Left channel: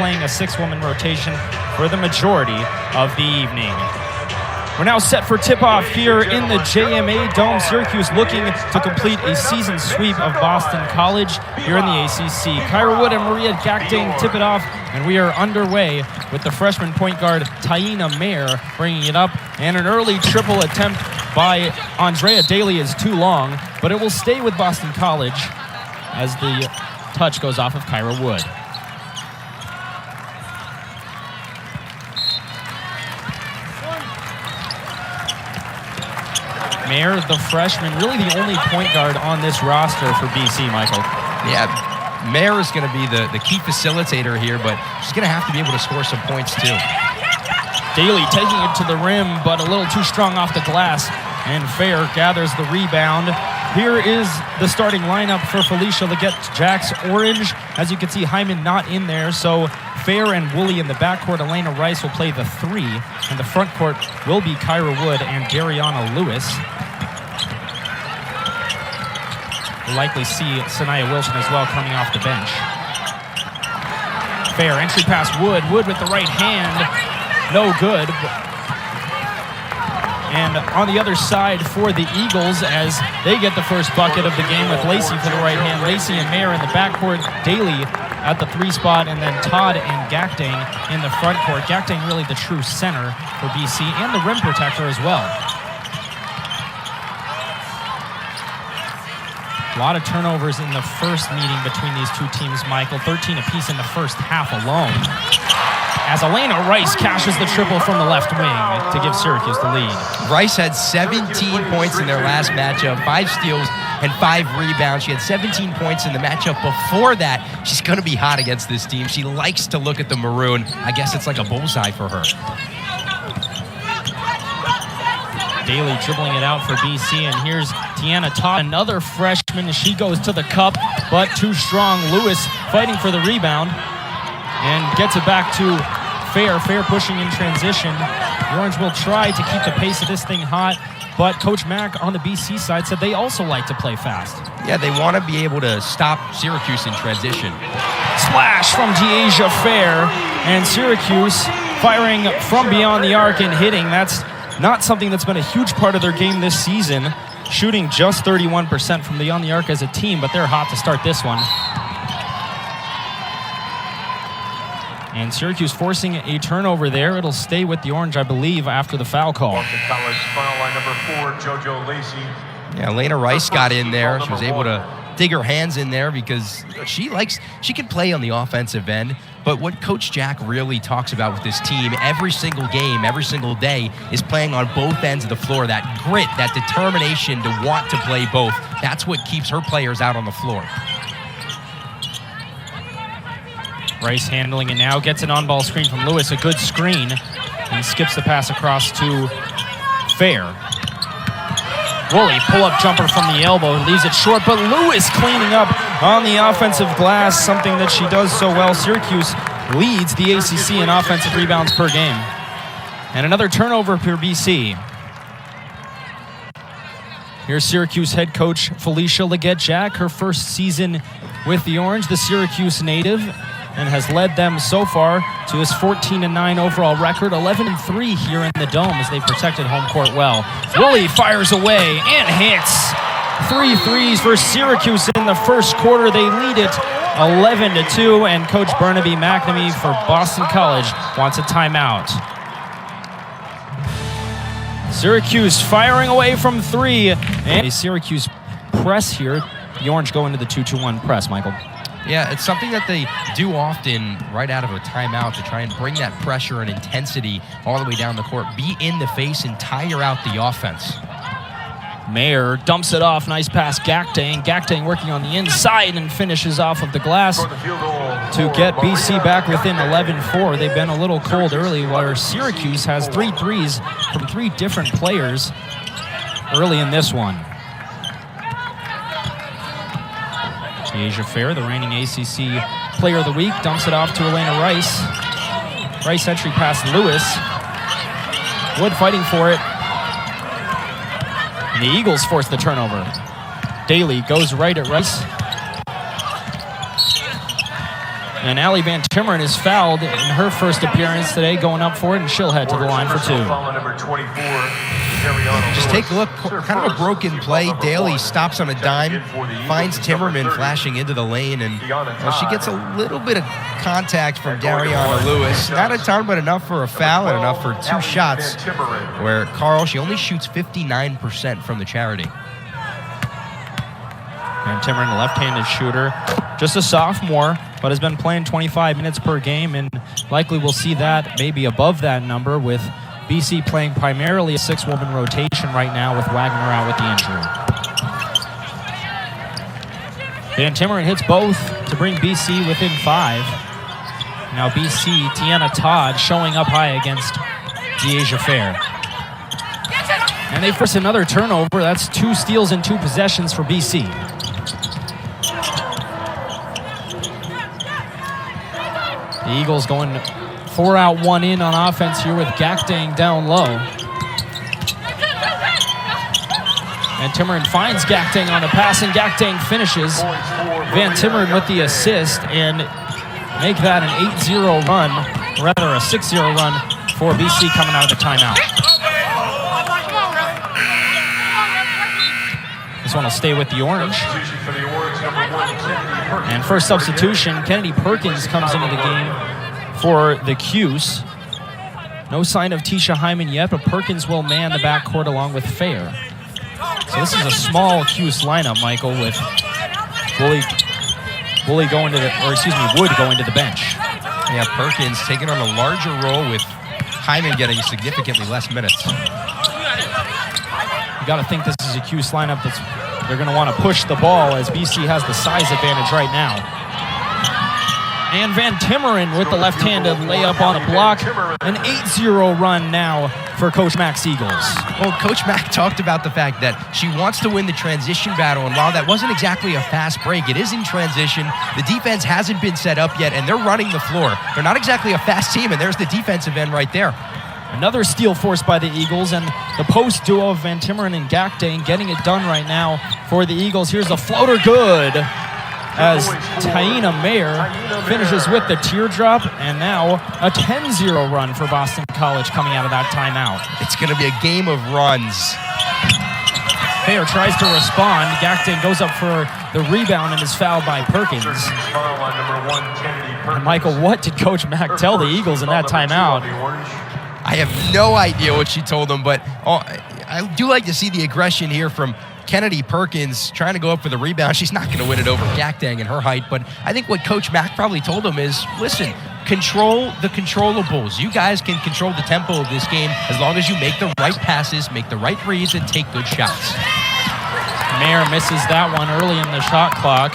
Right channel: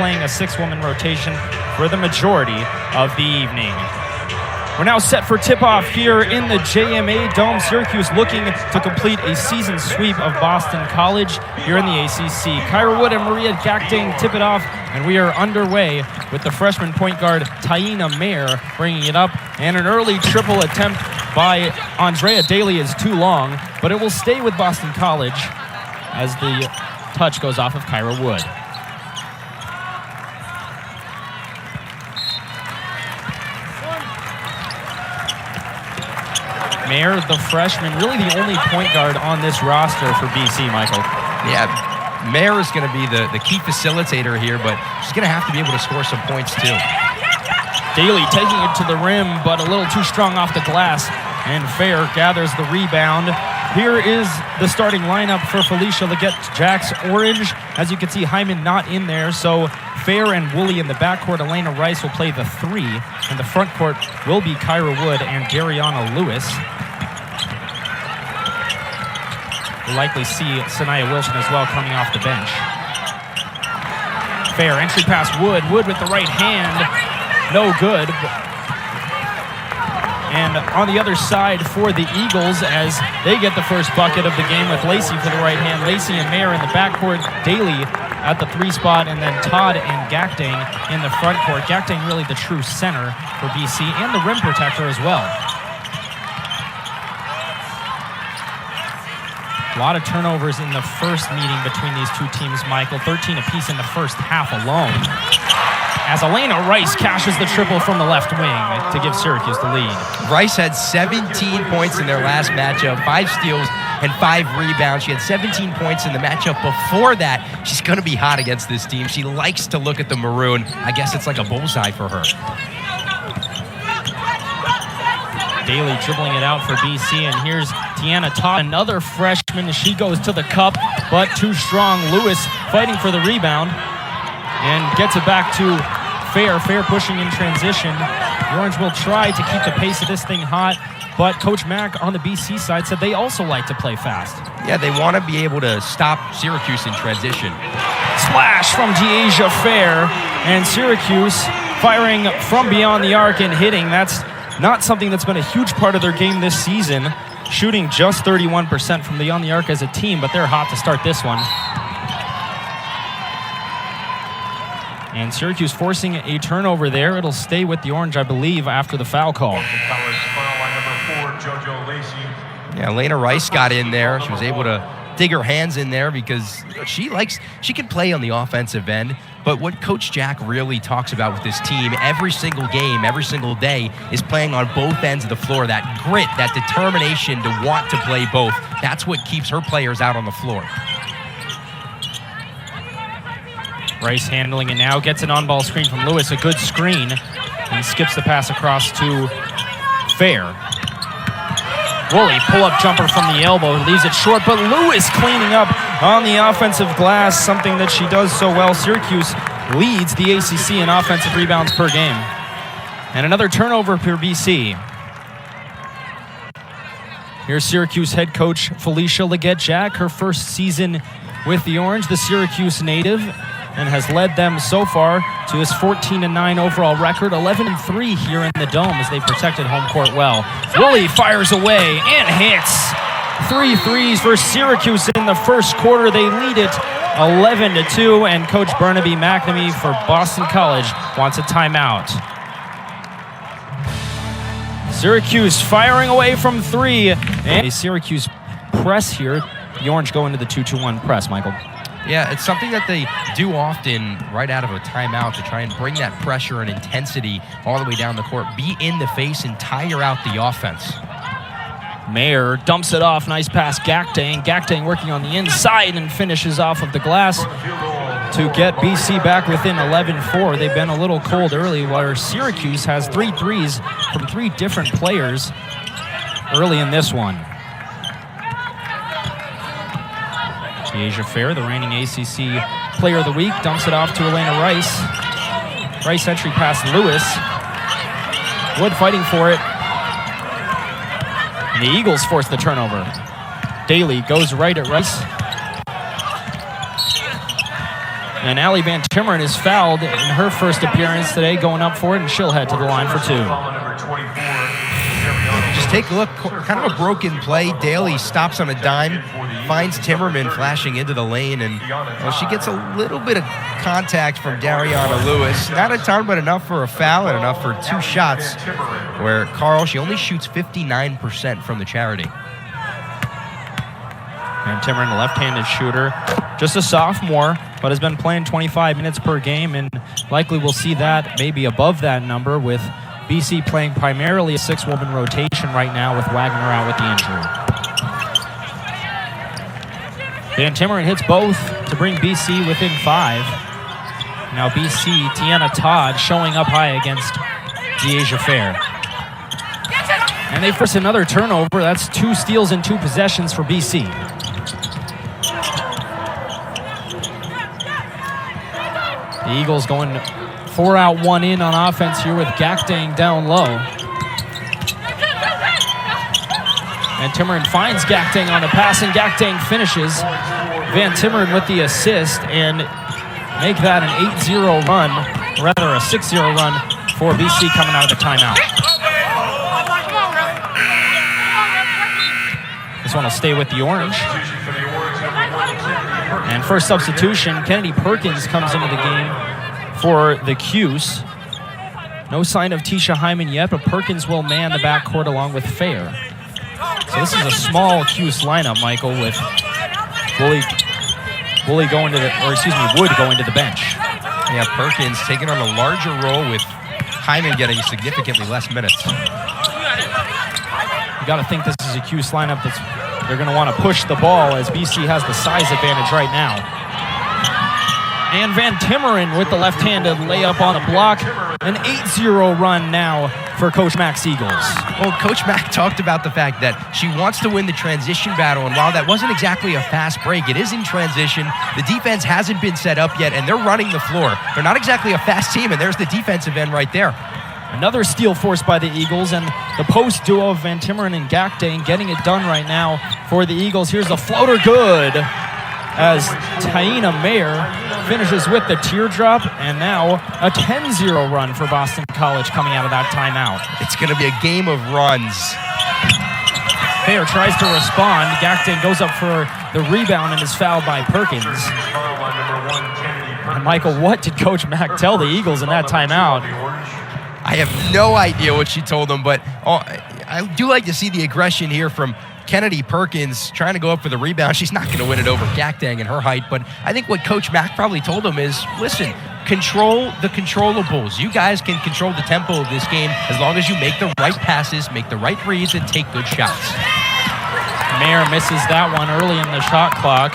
playing a 6-woman rotation for the majority of the evening. We're now set for tip-off here in the JMA Dome. Syracuse looking to complete a season sweep of Boston College here in the ACC. Kyra Wood and Maria Gakdeng tip it off, and we are underway with the freshman point guard Taina Mayer bringing it up. And an early triple attempt by Andrea Daly is too long, but it will stay with Boston College as the touch goes off of Kyra Wood. Mayer, the freshman, really the only point guard on this roster for BC, Michael. Yeah, Mayer is going to be the key facilitator here, but she's going to have to be able to score some points too. Daly taking it to the rim, but a little too strong off the glass, and Fair gathers the rebound. Here is the starting lineup for Felicia Leggett. Jack's orange. As you can see, Hyman not in there, so Fair and Woolley in the backcourt. Elena Rice will play the 3, and the front court will be Kyra Wood and Dariana Lewis. We'll likely see Sanaya Wilson as well coming off the bench. Fair, entry pass Wood. Wood with the right hand. No good. And on the other side for the Eagles, as they get the first bucket of the game with Lacey for the right hand. Lacey and Mayer in the backcourt. Daly at the 3 spot, and then Todd and Gakdeng in the front court. Gakdeng really the true center for BC and the rim protector as well. A lot of turnovers in the first meeting between these two teams, Michael. 13 apiece in the first half alone. As Elena Rice cashes the triple from the left wing to give Syracuse the lead. Rice had 17 points in their last matchup, 5 steals and 5 rebounds. She had 17 points in the matchup before that. She's going to be hot against this team. She likes to look at the maroon. I guess it's like a bullseye for her. Daly dribbling it out for BC, and here's Tiana Todd, another freshman. She goes to the cup, but too strong. Lewis fighting for the rebound and gets it back to Fair. Fair pushing in transition. The Orange will try to keep the pace of this thing hot, but Coach Mack on the BC side said they also like to play fast. Yeah, they want to be able to stop Syracuse in transition. Splash from Dyaisha Fair, and Syracuse firing from beyond the arc and hitting. That's not something that's been a huge part of their game this season, shooting just 31% from beyond the arc as a team, but they're hot to start this one. And Syracuse forcing a turnover there. It'll stay with the Orange, I believe, after the foul call. Boston College foul line number 4, JoJo Lacey. Yeah, Elena Rice got in there. She was able to dig her hands in there because she can play on the offensive end. But what Coach Jack really talks about with this team every single game, every single day, is playing on both ends of the floor. That grit, that determination to want to play both. That's what keeps her players out on the floor. Rice handling it now, gets an on-ball screen from Lewis, a good screen, and skips the pass across to Fair. Woolley, pull-up jumper from the elbow, leaves it short, but Lewis cleaning up on the offensive glass, something that she does so well. Syracuse leads the ACC in offensive rebounds per game. And another turnover for BC. Here's Syracuse head coach Felicia Leggett-Jack, her first season with the Orange, the Syracuse native, and has led them so far to his 14-9 overall record, 11-3 here in the Dome as they've protected home court well. Woolley fires away and hits. 3 threes for Syracuse in the first quarter. They lead it 11-2, and Coach Burnaby McNamee for Boston College wants a timeout. Syracuse firing away from 3. And a Syracuse press here. The Orange go into the 2-2-1 press, Michael. Yeah, it's something that they do often right out of a timeout to try and bring that pressure and intensity all the way down the court, be in the face and tire out the offense. Mayer dumps it off. Nice pass, Gakdeng. Gakdeng working on the inside and finishes off of the glass to get BC back within 11-4. They've been a little cold early, where Syracuse has 3 threes from 3 different players early in this one. Dyaisha Fair, the reigning ACC Player of the Week, dumps it off to Elena Rice. Rice entry pass Lewis. Wood fighting for it. And the Eagles force the turnover. Daly goes right at Rice. And Allie Van Timmeren is fouled in her first appearance today, going up for it, and she'll head to the line for 2. Number 24, Just take a look, kind of a broken play. Daly stops on a dime, finds Timmerman flashing into the lane, and she gets a little bit of contact from Dariana Lewis. Not a ton, but enough for a foul and enough for 2 shots, where Carl, she only shoots 59% from the charity. Van Timmeren, left-handed shooter, just a sophomore, but has been playing 25 minutes per game, and likely we'll see that maybe above that number, with BC playing primarily a 6-woman rotation right now with Wagner out with the injury. Van Timmeren hits both to bring BC within 5. Now BC, Tiana Todd showing up high against Dyaisha Fair. And they force another turnover. That's 2 steals and 2 possessions for BC. The Eagles going 4 out, 1 in on offense here with Gakdeng down low. And Timmeren finds Gakdeng on the pass, and Gakdeng finishes. Van Timmeren with the assist, and make that an 8-0 run, rather a 6-0 run for BC coming out of the timeout. This one will stay with the Orange. And first substitution, Kennedy Perkins comes into the game for the Cuse. No sign of Tisha Hyman yet, but Perkins will man the backcourt along with Fair. So this is a small Cuse lineup, Michael, with Wood going to the bench. Yeah, Perkins taking on a larger role with Hyman getting significantly less minutes. You got to think this is a Cuse lineup they're going to want to push the ball, as BC has the size advantage right now. And Van Timmeren with the left-handed layup on a block. An 8-0 run now for Coach Mack's Eagles. Well, Coach Mack talked about the fact that she wants to win the transition battle, and while that wasn't exactly a fast break, it is in transition. The defense hasn't been set up yet, and they're running the floor. They're not exactly a fast team, and there's the defensive end right there. Another steal forced by the Eagles, and the post duo of Van Timmeren and Gakdeng getting it done right now for the Eagles. Here's a floater, good, as Taina Mayer finishes with the teardrop, and now a 10-0 run for Boston College coming out of that timeout. It's going to be a game of runs. Fair tries to respond. Gakdeng goes up for the rebound and is fouled by Perkins. And Michael, what did Coach Mack tell the Eagles in that timeout? I have no idea what she told them, but I do like to see the aggression here from Kennedy Perkins trying to go up for the rebound. She's not going to win it over Gakdeng and her height, but I think what Coach Mack probably told them is, listen, control the controllables. You guys can control the tempo of this game as long as you make the right passes, make the right reads, and take good shots. Mayer misses that one early in the shot clock,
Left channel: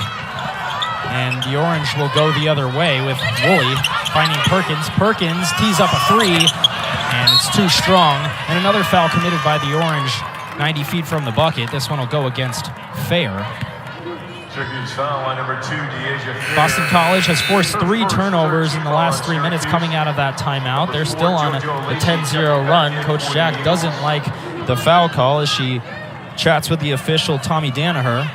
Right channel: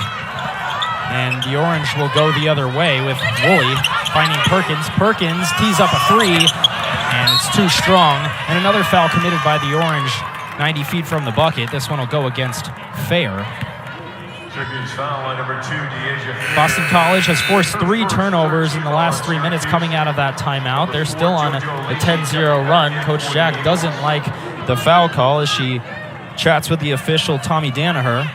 and the Orange will go the other way with Woolley finding Perkins. Perkins tees up a 3, and it's too strong. And another foul committed by the Orange 90 feet from the bucket. This one will go against Fair. Syracuse foul line number 2, Dyaisha Fair. Boston College has forced 3 turnovers in the last 3 minutes coming out of that timeout. They're still on a 10-0 run. Coach Jack doesn't like the foul call as she chats with the official, Tommy Danaher.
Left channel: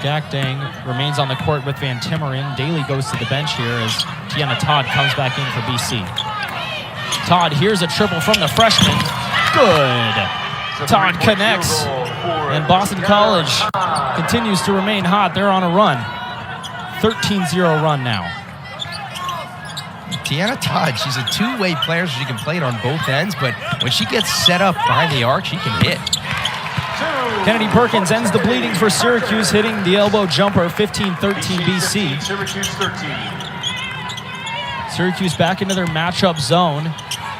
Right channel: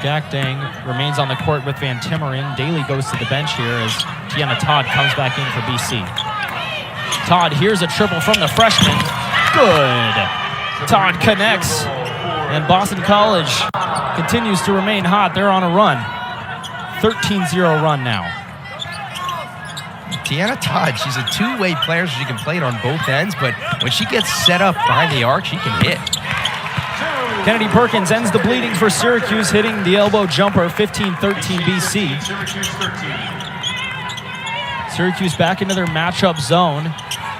Gakdeng remains on the court with Van Timmeren. Daly goes to the bench here as Tiana Todd comes back in for BC. Todd, here's a triple from the freshman. Good. Todd connects. And Boston College continues to remain hot. They're on a run. 13-0 run now. Tiana Todd, she's a two-way player, so she can play it on both ends, but when she gets set up behind the arc, she can hit. Kennedy Perkins ends the bleeding for Syracuse, hitting the elbow jumper, 15-13 BC. Syracuse back into their matchup zone.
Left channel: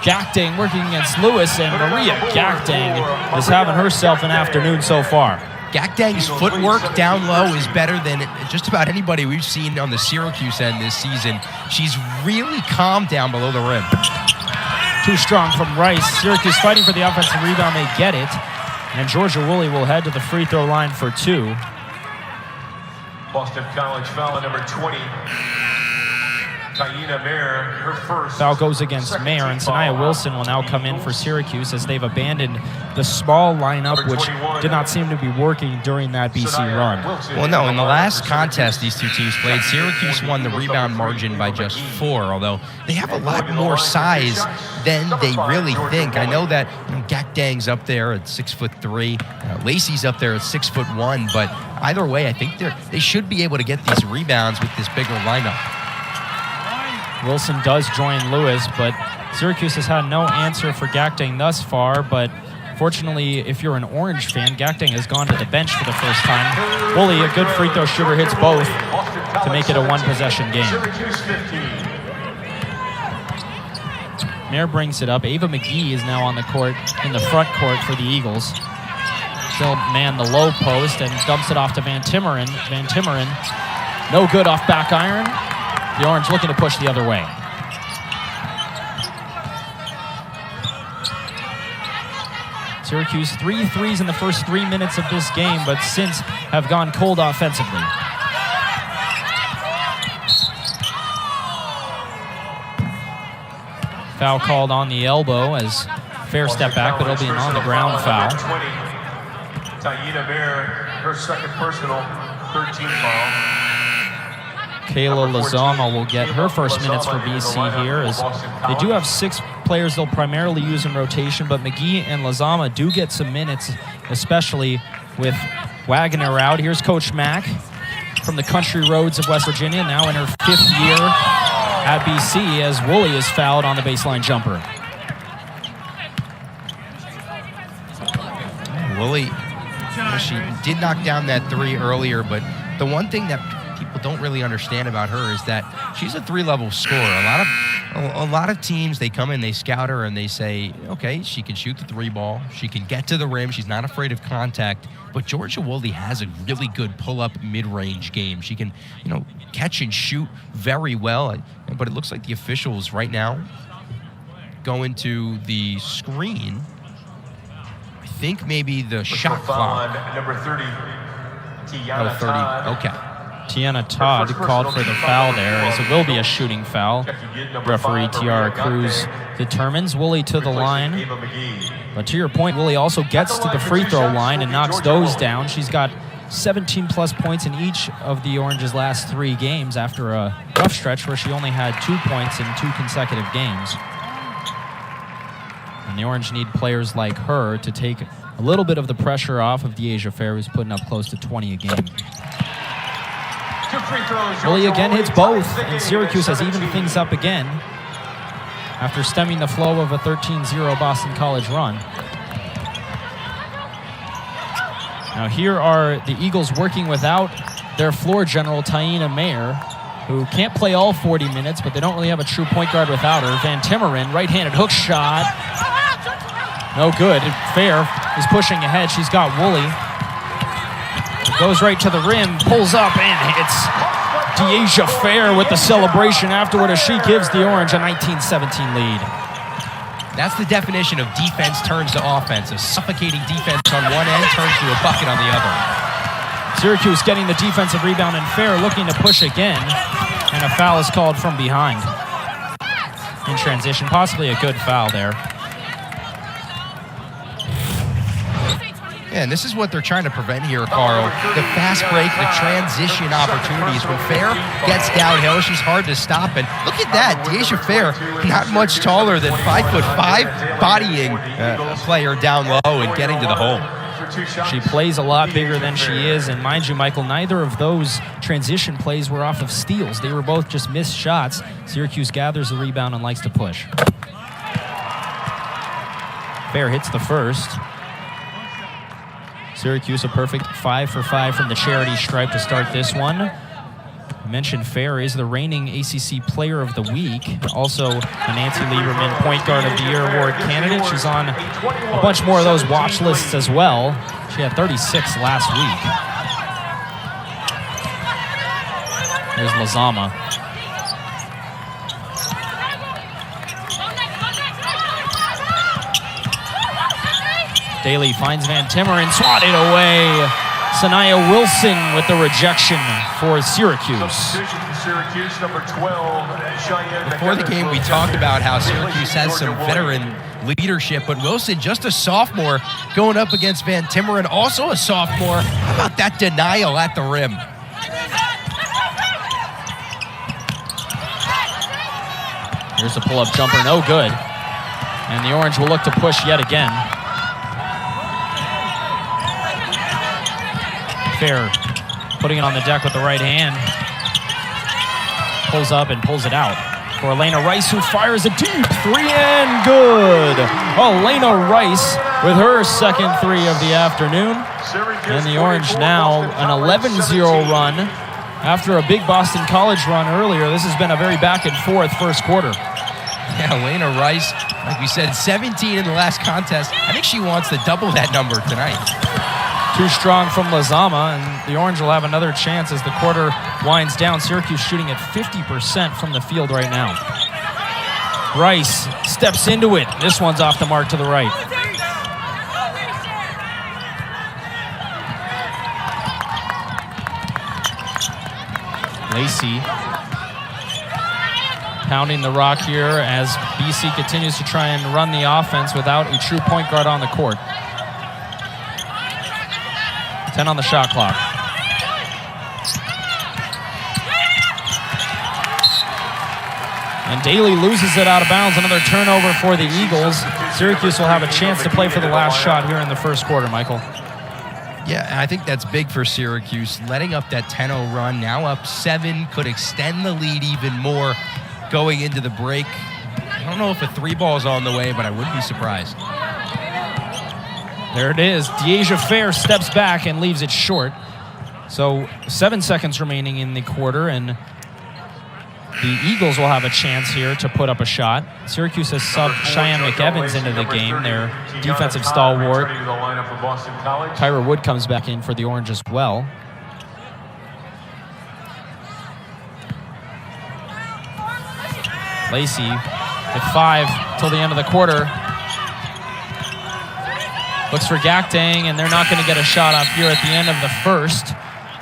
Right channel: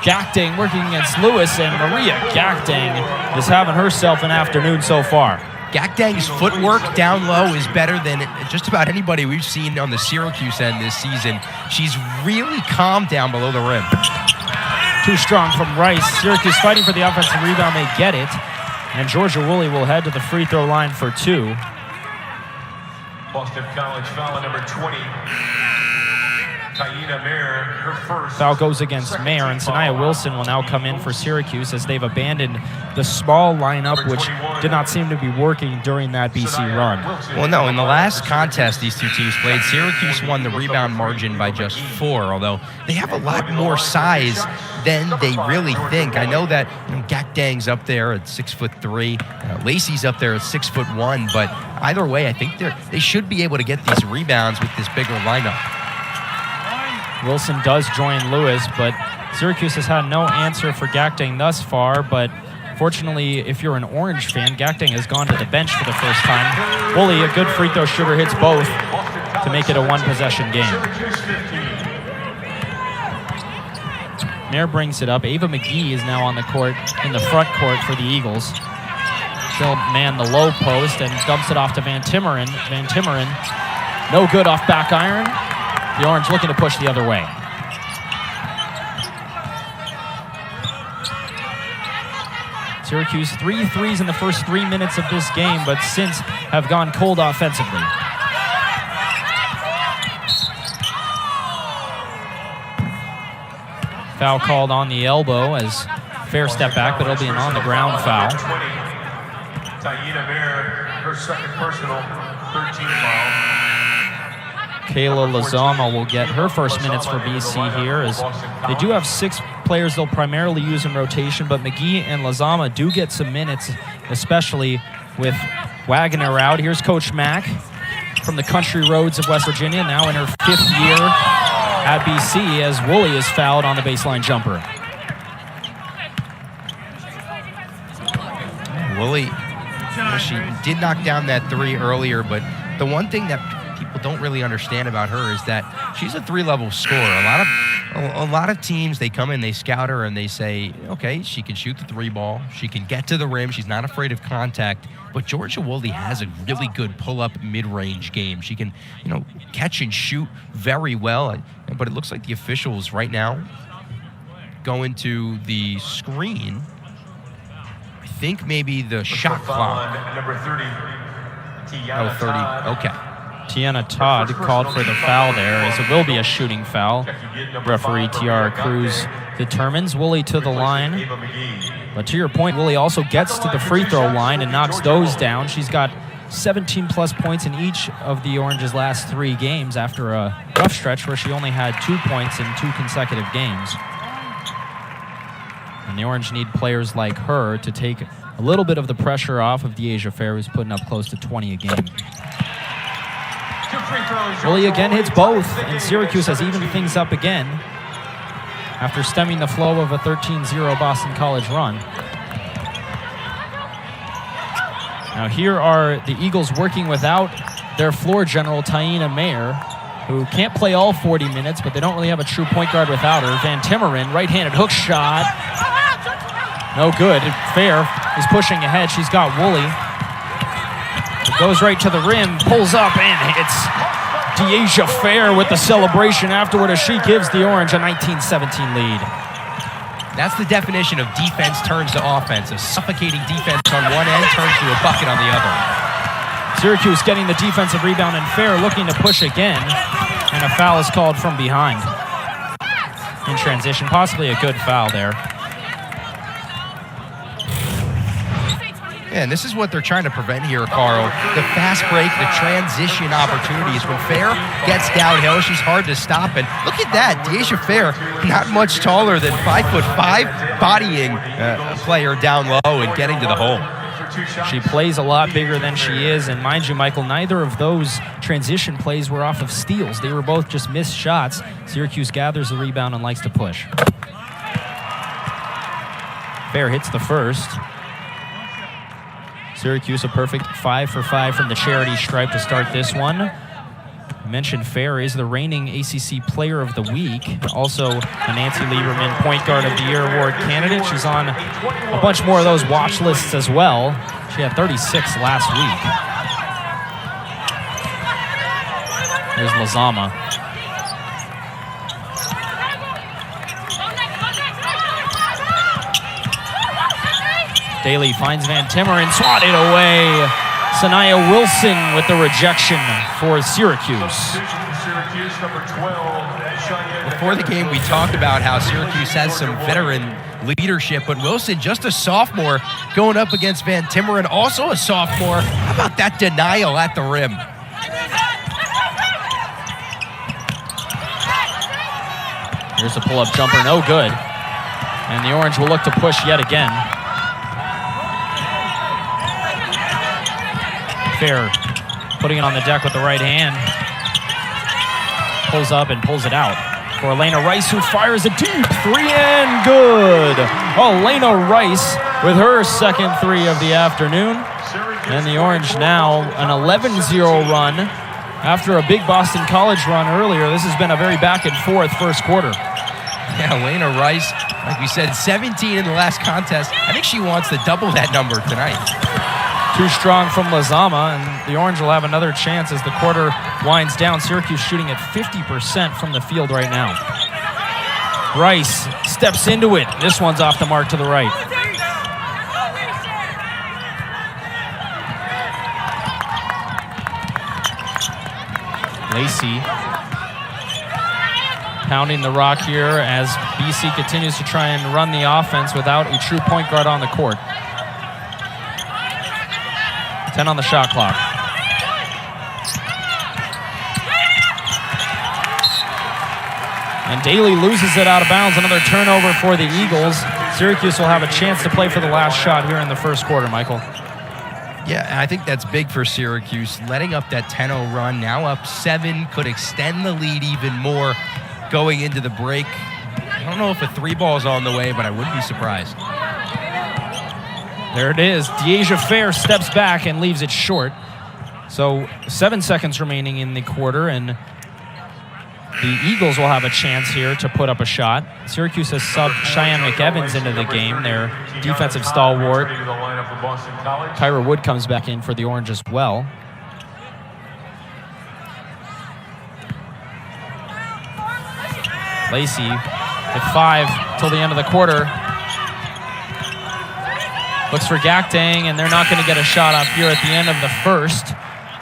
Gakdeng working against Lewis, and Maria Gakdeng is having herself an afternoon so far. Gakdeng's footwork down low is better than just about anybody we've seen on the Syracuse end this season. She's really calm down below the rim. Too strong from Rice. Syracuse fighting for the offensive rebound. They get it. And Georgia Woolley will head to the free throw line for 2. Boston College foul line number 20. Mayer, her first. Foul goes against Mayer, and Sanaya Wilson will now come in for Syracuse as they've abandoned the small lineup, which did not seem to be working during that BC run. Well, no, in the last contest these two teams played, Syracuse won the rebound margin by just 4, although they have a lot more size than they really think. I know that Gakdeng's up there at 6'3", Lacey's up there at 6'1", but either way, I think they should be able to get these rebounds with this bigger lineup. Wilson does join Lewis, but Syracuse has had no answer for Gakdeng thus far, but fortunately, if you're an Orange fan, Gakdeng has gone to the bench for the first time. Woolley, a good free throw shooter, hits both to make it a one-possession game. Mayer brings it up. Ava McGee is now on the court, in the front court for the Eagles. Still man the low post and dumps it off to Van Timmeren. Van Timmeren, no good off back iron. The Orange looking to push the other way. Syracuse 3 threes in the first 3 minutes of this game, but since have gone cold offensively. Foul called on the elbow as Fair step back, but it'll be an on-the-ground foul. Dyaisha Fair, her second personal, 13 foul. Kayla Lazama will get her first minutes for BC here, as they do have 6 players they'll primarily use in rotation, but McGee and Lazama do get some minutes, especially with Wagner out. Here's Coach Mack from the country roads of West Virginia, now in her 5th year at BC, as Woolley is fouled on the baseline jumper. Woolley, she did knock down that 3 earlier, but the one thing that people don't really understand about her is that she's a 3-level scorer. A lot of teams, they come in, they scout her, and they say, okay, she can shoot the 3 ball, she can get to the rim, she's not afraid of contact. But Georgia Woolley has a really good pull-up mid-range game. She can, catch and shoot very well. But it looks like the officials right now go into the screen. I think maybe the shot clock. Number 30, Tiana 30. Todd. Okay. Tiana Todd called for the foul there, as it will be a shooting foul. Referee Tiara Cruz determines. Woolley to the line. But to your point, Woolley also gets to the free throw line and knocks those down. She's got 17-plus points in each of the Orange's last 3 games after a rough stretch where she only had 2 points in 2 consecutive games. And the Orange need players like her to take a little bit of the pressure off of Dyaisha Fair, who's putting up close to 20 a game. Woolley again hits both, and Syracuse has evened things up again after stemming the flow of a 13-0 Boston College run. Now here are the Eagles working without their floor general, Dyaisha Mayer, who can't play all 40 minutes, but they don't really have a true point guard without her. Van Timmeren, right-handed hook shot. No good. Fair is pushing ahead. She's got Woolley. It goes right to the rim, pulls up, and hits Dyaisha Fair with the celebration afterward as she gives the Orange a 19-17 lead. That's the definition of defense turns to offense. A suffocating defense on one end turns to a bucket on the other. Syracuse getting the defensive rebound, and Fair looking to push again, and a foul is called from behind. In transition, possibly a good foul there. Yeah, and this is what they're trying to prevent here, Carl. The fast break, the transition opportunities. When Fair gets downhill, she's hard to stop. And look at that, Dyaisha Fair, not much taller than 5'5", bodying a player down low and getting to the hole. She plays a lot bigger than she is, and mind you, Michael, neither of those transition plays were off of steals. They were both just missed shots. Syracuse gathers the rebound and likes to push. Fair hits the first. Syracuse a perfect 5 for 5 from the charity stripe to start this one. I mentioned Fair is the reigning ACC Player of the Week, also a Nancy Lieberman Point Guard of the Year award candidate. She's on a bunch more of those watch lists as well. She had 36 last week. Here's Lazama. Daly finds Van Timmeren, swatted away. Sanaya Wilson with the rejection for Syracuse. Syracuse, number 12, Cheyenne. Before the game, we talked about how Syracuse has some veteran leadership, but Wilson, just a sophomore, going up against Van Timmeren, also a sophomore. How about that denial at the rim? Here's a pull-up jumper, no good. And the Orange will look to push yet again. Fair putting it on the deck with the right hand. Pulls up and pulls it out for Elena Rice, who fires a deep three and good. Elena Rice with her second three of the afternoon. And the Orange now an 11-0 run. After a big Boston College run earlier, this has been a very back and forth first quarter. Yeah, Elena Rice, like we said, 17 in the last contest. I think she wants to double that number tonight. Too strong from Lazama, and the Orange will have another chance as the quarter winds down. Syracuse shooting at 50% from the field right now. Rice steps into it. This one's off the mark to the right. Lacey pounding the rock here as BC continues to try and run the offense without a true point guard on the court. 10 on the shot clock. And Daly loses it out of bounds. Another turnover for the Eagles. Syracuse will have a chance to play for the last shot here in the first quarter, Michael. Yeah, I think that's big for Syracuse. Letting up that 10-0 run, now up 7, could extend the lead even more going into the break. I don't know if a three ball is on the way, but I wouldn't be surprised. There it is. Dyaisha Fair steps back and leaves it short. So 7 seconds remaining in the quarter, and the Eagles will have a chance here to put up a shot. Syracuse has subbed Cheyenne McEvans into the game, their defensive stalwart. Kyra Wood comes back in for the Orange as well. Lacey with 5 till the end of the quarter. Looks for Gakdeng, and they're not going to get a shot off here at the end of the first.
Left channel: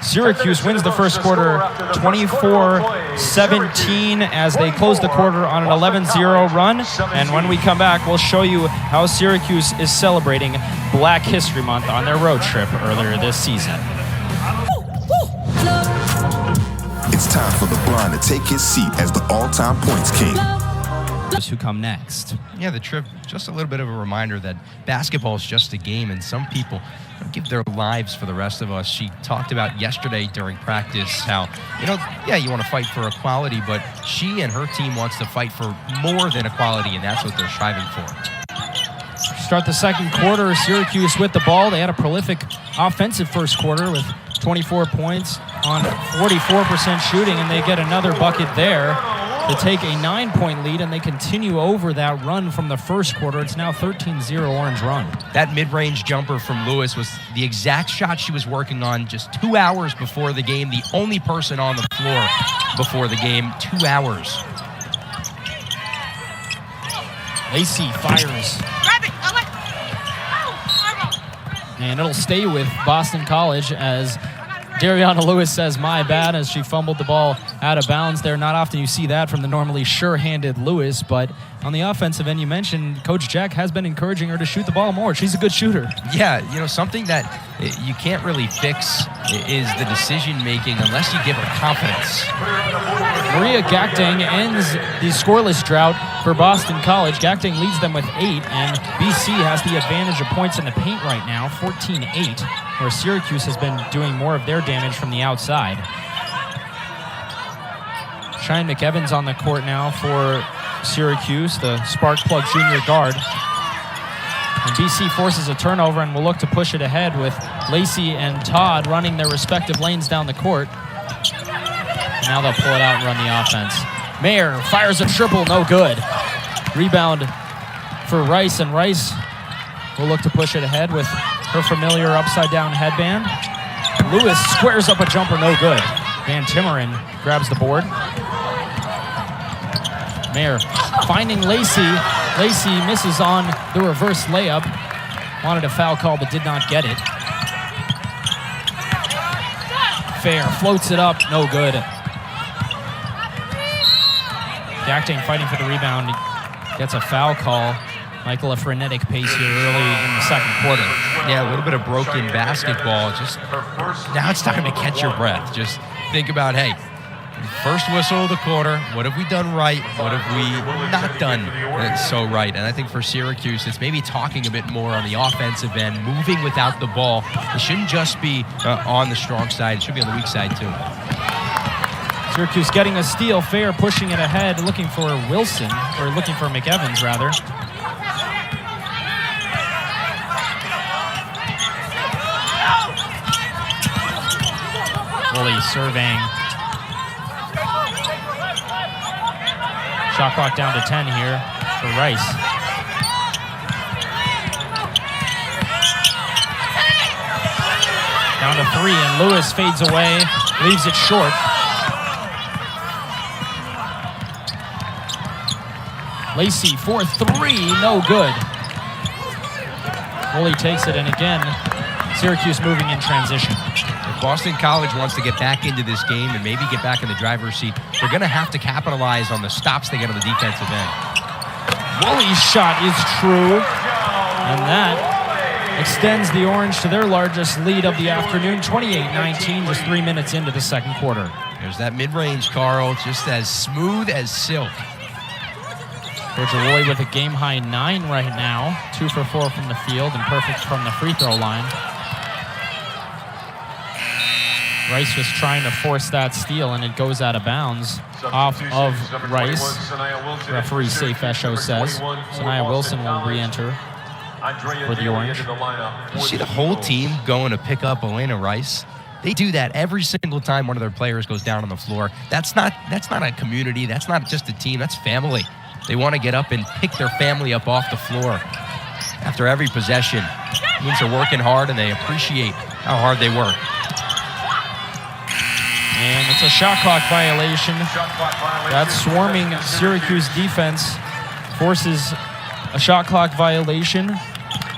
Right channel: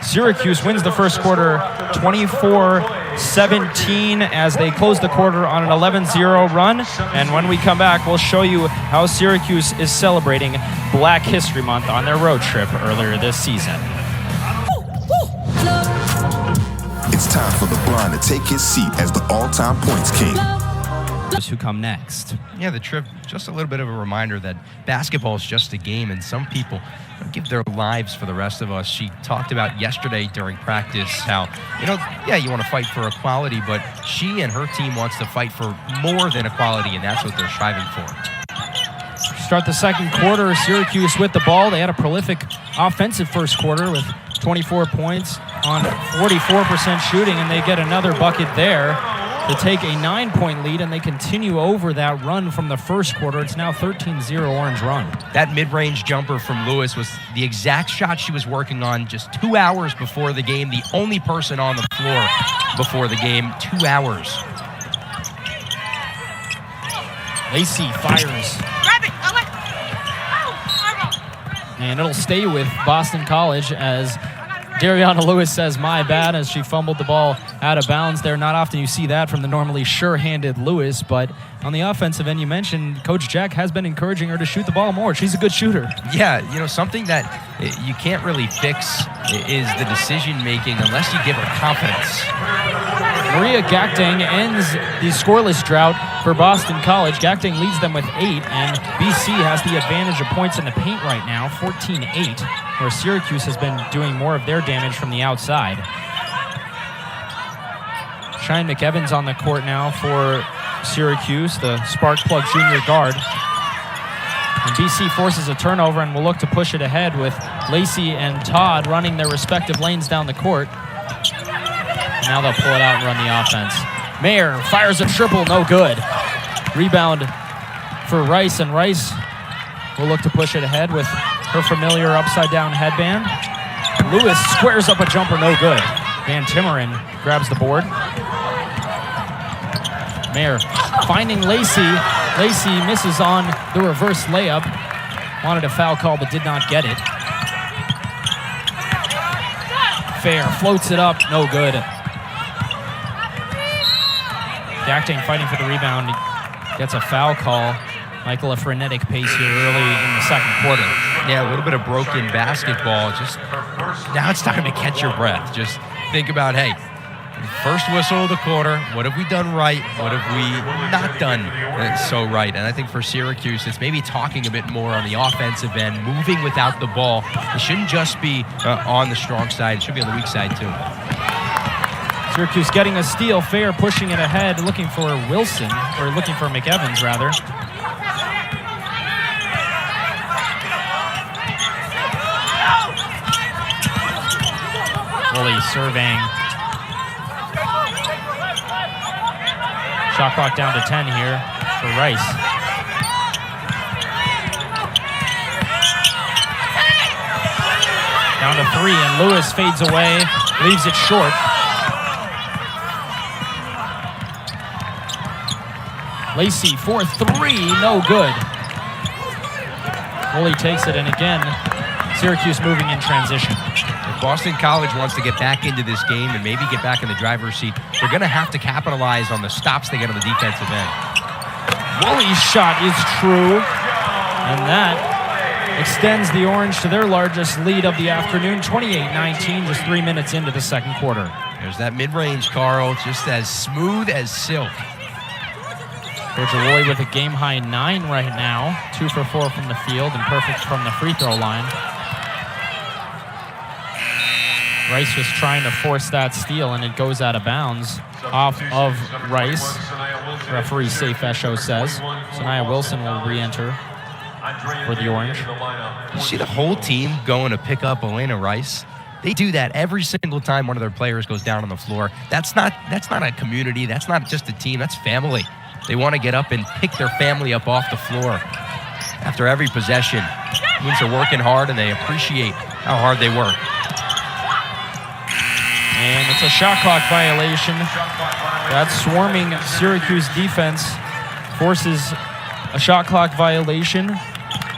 Syracuse wins the first quarter 24-17 as they close the quarter on an 11-0 run. And when we come back, we'll show you how Syracuse is celebrating Black History Month on their road trip earlier this season. It's time for the Blonde to take his seat as the all-time points king. Who come next? Yeah, the trip, just a little bit of a reminder that basketball is just a game, and some people give their lives for the rest of us. She talked about yesterday during practice how, you want to fight for equality, but she and her team wants to fight for more than equality, and that's what they're striving for. Start the second quarter, Syracuse with the ball. They had a prolific offensive first quarter with 24 points on 44% shooting, and they get another bucket there to take a 9-point lead, and they continue over that run from the first quarter. It's now 13-0 Orange run. That mid-range jumper from Lewis was the exact shot she was working on just 2 hours before the game. The only person on the floor before the game, 2 hours. Lacey fires. And it'll stay with Boston College as Dariana Lewis says, my bad, as she fumbled the ball out of bounds there. Not often you see that from the normally sure-handed Lewis, but on the offensive end, you mentioned Coach Jack has been encouraging her to shoot the ball more. She's a good shooter. Yeah, something that you can't really fix is the decision-making unless you give her confidence. Maria Gakdeng ends the scoreless drought for Boston College. Gakdeng leads them with 8, and BC has the advantage of points in the paint right now, 14-8, where Syracuse has been doing more of their damage from the outside. Cheyenne McEvans on the court now for Syracuse, the spark plug junior guard. And BC forces a turnover and will look to push it ahead with Lacey and Todd running their respective lanes down the court. And now they'll pull it out and run the offense. Mayer fires a triple, no good. Rebound for Rice, and Rice will look to push it ahead with her familiar upside-down headband. Lewis squares up a jumper, no good. Van Timmeren grabs the board. Mayer finding Lacey. Lacey misses on the reverse layup. Wanted a foul call but did not get it. Fair floats it up, no good. Gakdeng fighting for the rebound. Gets a foul call. Michael, a frenetic pace here early in the second quarter. Yeah, a little bit of broken basketball. Just now it's time to catch your breath. Just think about, hey, first whistle of the quarter, what have we done right? What have we not done so right? And I think for Syracuse, it's maybe talking a bit more on the offensive end, moving without the ball. It shouldn't just be on the strong side. It should be on the weak side, too. Syracuse getting a steal. Fair pushing it ahead, looking for Wilson, or looking for McEvans, rather. Woolley surveying. Shot clock down to 10 here for Rice. Down to 3, and Lewis fades away, leaves it short. Lacey for 3, no good. Woolley takes it, and again, Syracuse moving in transition. If Boston College wants to get back into this game and maybe get back in the driver's seat, they're going to have to capitalize on the stops they get on the defensive end. Woolley's shot is true, and that extends the Orange to their largest lead of the afternoon, 28-19, just 3 minutes into the second quarter. There's that mid-range, Carl, just as smooth as silk. Georgia Woolley with a game-high 9 right now, 2 for 4 from the field and perfect from the free throw line. Rice was trying to force that steal, and it goes out of bounds off of Rice. Referee safe, Esho says. Sanaya Wilson will re-enter for the Orange. You see the whole team going to pick up Elena Rice? They do that every single time one of their players goes down on the floor. That's not a community. That's not just a team. That's family. They want to get up and pick their family up off the floor after every possession. It means they're working hard, and they appreciate how hard they work. And it's a shot clock violation. That swarming Syracuse defense forces a shot clock violation.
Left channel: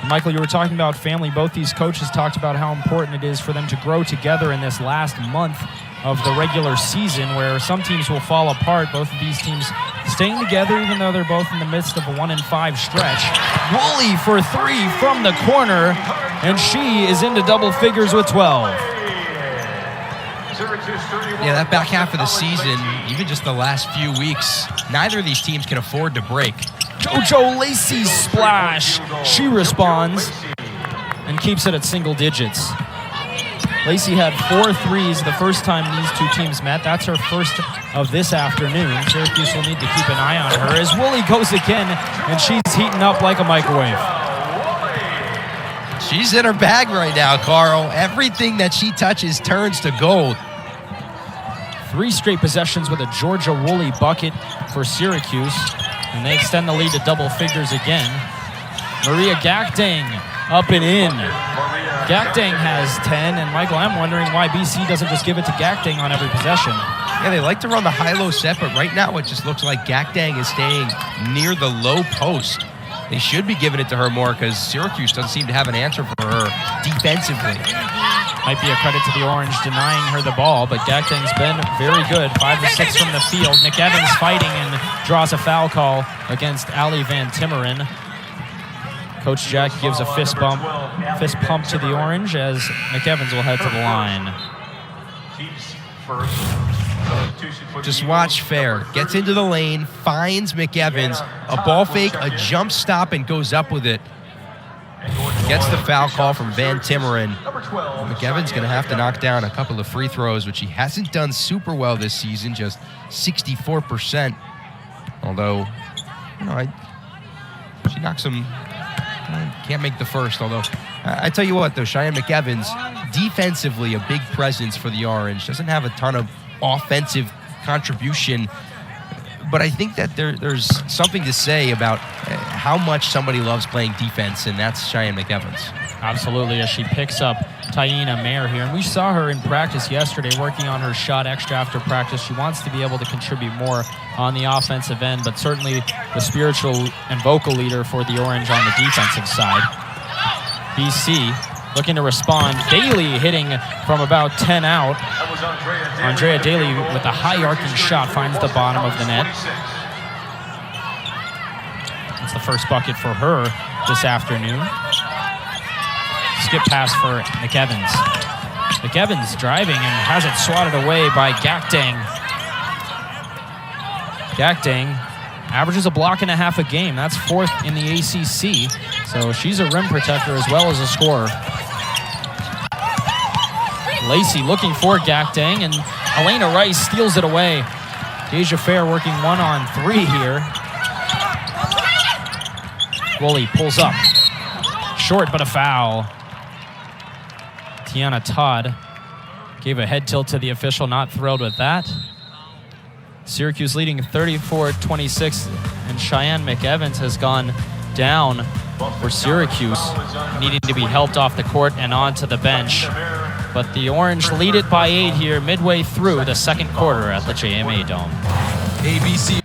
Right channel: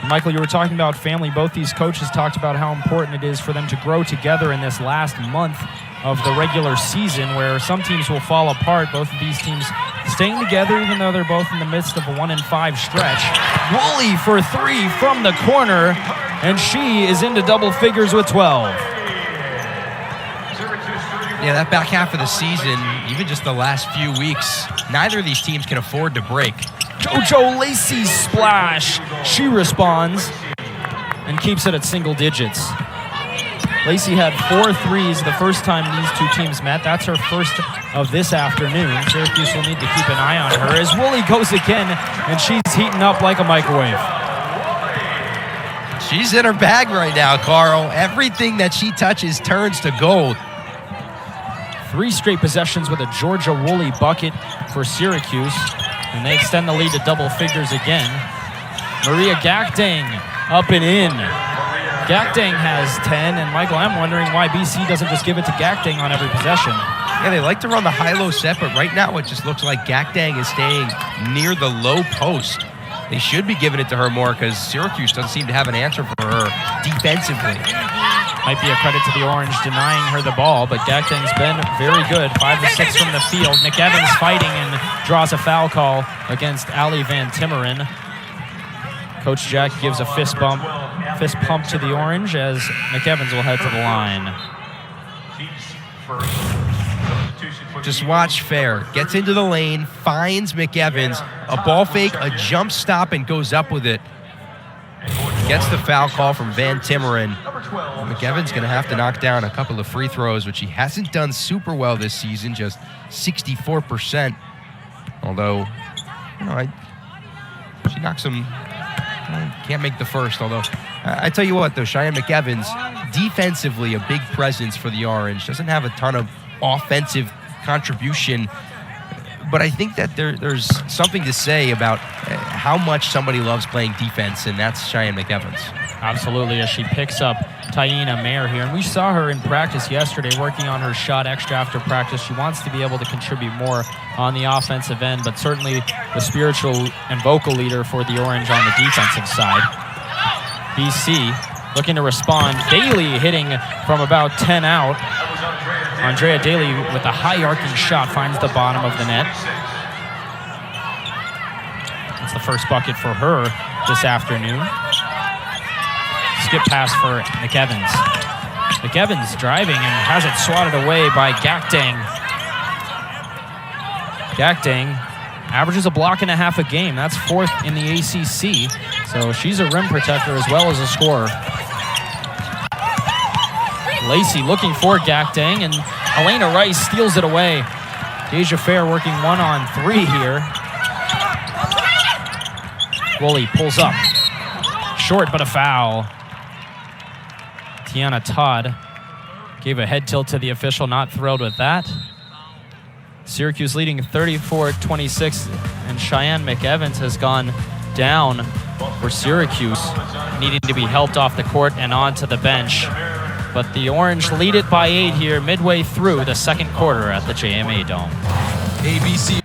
Michael, you were talking about family. Both these coaches talked about how important it is for them to grow together in this last month of the regular season, where some teams will fall apart. Both of these teams staying together, even though they're both in the midst of a 1-5 stretch. Woolley for 3 from the corner, and she is into double figures with 12. Yeah, that back half of the season, even just the last few weeks, neither of these teams can afford to break. JoJo Lacey's splash. She responds and keeps it at single digits. Lacey had 4 threes the first time these two teams met. That's her first of this afternoon. Syracuse will need to keep an eye on her as Woolley goes again, and she's heating up like a microwave. She's in her bag right now, Carl. Everything that she touches turns to gold. 3 straight possessions with a Georgia Woolley bucket for Syracuse, and they extend the lead to double figures again. Maria Gakdeng up and in. Gakdeng has 10, and Michael, I'm wondering why BC doesn't just give it to Gakdeng on every possession. Yeah, they like to run the high-low set, but right now it just looks like Gakdeng is staying near the low post. They should be giving it to her more because Syracuse doesn't seem to have an answer for her defensively. Might be a credit to the Orange denying her the ball, but Gakdeng's been very good. 5 of 6 from the field. McEvans fighting and draws a foul call against Allie Van Timmeren. Coach Jack gives a fist pump to the Orange as McEvans will head to the line. Just watch Fair. Gets into the lane, finds McEvans, a ball fake, a jump stop, and goes up with it. Gets the foul call from Van Timmeren. McEvans going to have to knock down a couple of free throws, which he hasn't done super well this season, just 64%. Although, he knocks him. Can't make the first, although I tell you what, though, Cheyenne McEvans, defensively a big presence for the Orange. Doesn't have a ton of offensive contribution, but I think that there's something to say about how much somebody loves playing defense, and that's Cheyenne McEvans. Absolutely, as she picks up Taina Mayer here. And we saw her in practice yesterday working on her shot extra after practice. She wants to be able to contribute more on the offensive end, but certainly the spiritual and vocal leader for the Orange on the defensive side. BC looking to respond. Daly hitting from about 10 out. Andrea Daly with a high arcing shot finds the bottom of the net. It's the first bucket for her this afternoon. Skip pass for McEvans. McEvans driving and has it swatted away by Gakdeng. Gakdeng averages a block and a half a game. That's 4th in the ACC. So she's a rim protector as well as a scorer. Lacey looking for Gakdeng, and Elena Rice steals it away. Dyaisha Fair working 1-on-3 here. Woolley pulls up. Short, but a foul. Tiana Todd gave a head tilt to the official, not thrilled with that. Syracuse leading 34-26, and Cheyenne McEvans has gone down for Syracuse, needing to be helped off the court and onto the bench. But the Orange lead it by 8 here midway through the second quarter at the JMA Dome. ABC.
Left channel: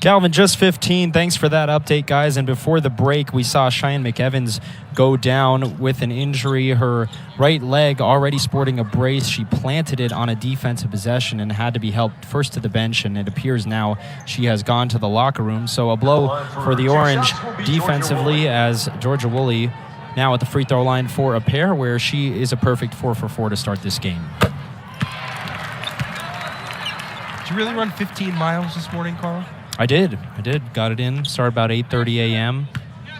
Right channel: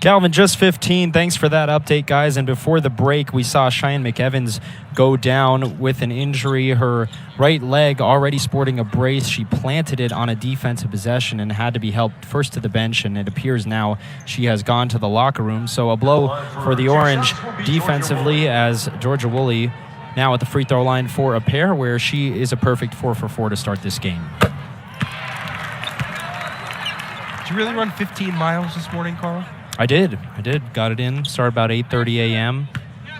Calvin, just 15. Thanks for that update, guys. And before the break, we saw Cheyenne McEvans go down with an injury. Her right leg already sporting a brace. She planted it on a defensive possession and had to be helped first to the bench, and it appears now she has gone to the locker room. So a blow for the Orange defensively, as Georgia Woolley now at the free throw line for a pair where she is a perfect 4 for 4 to start this game. Did you really run 15 miles this morning, Carl? I did. Got it in. Started about 8:30 a.m.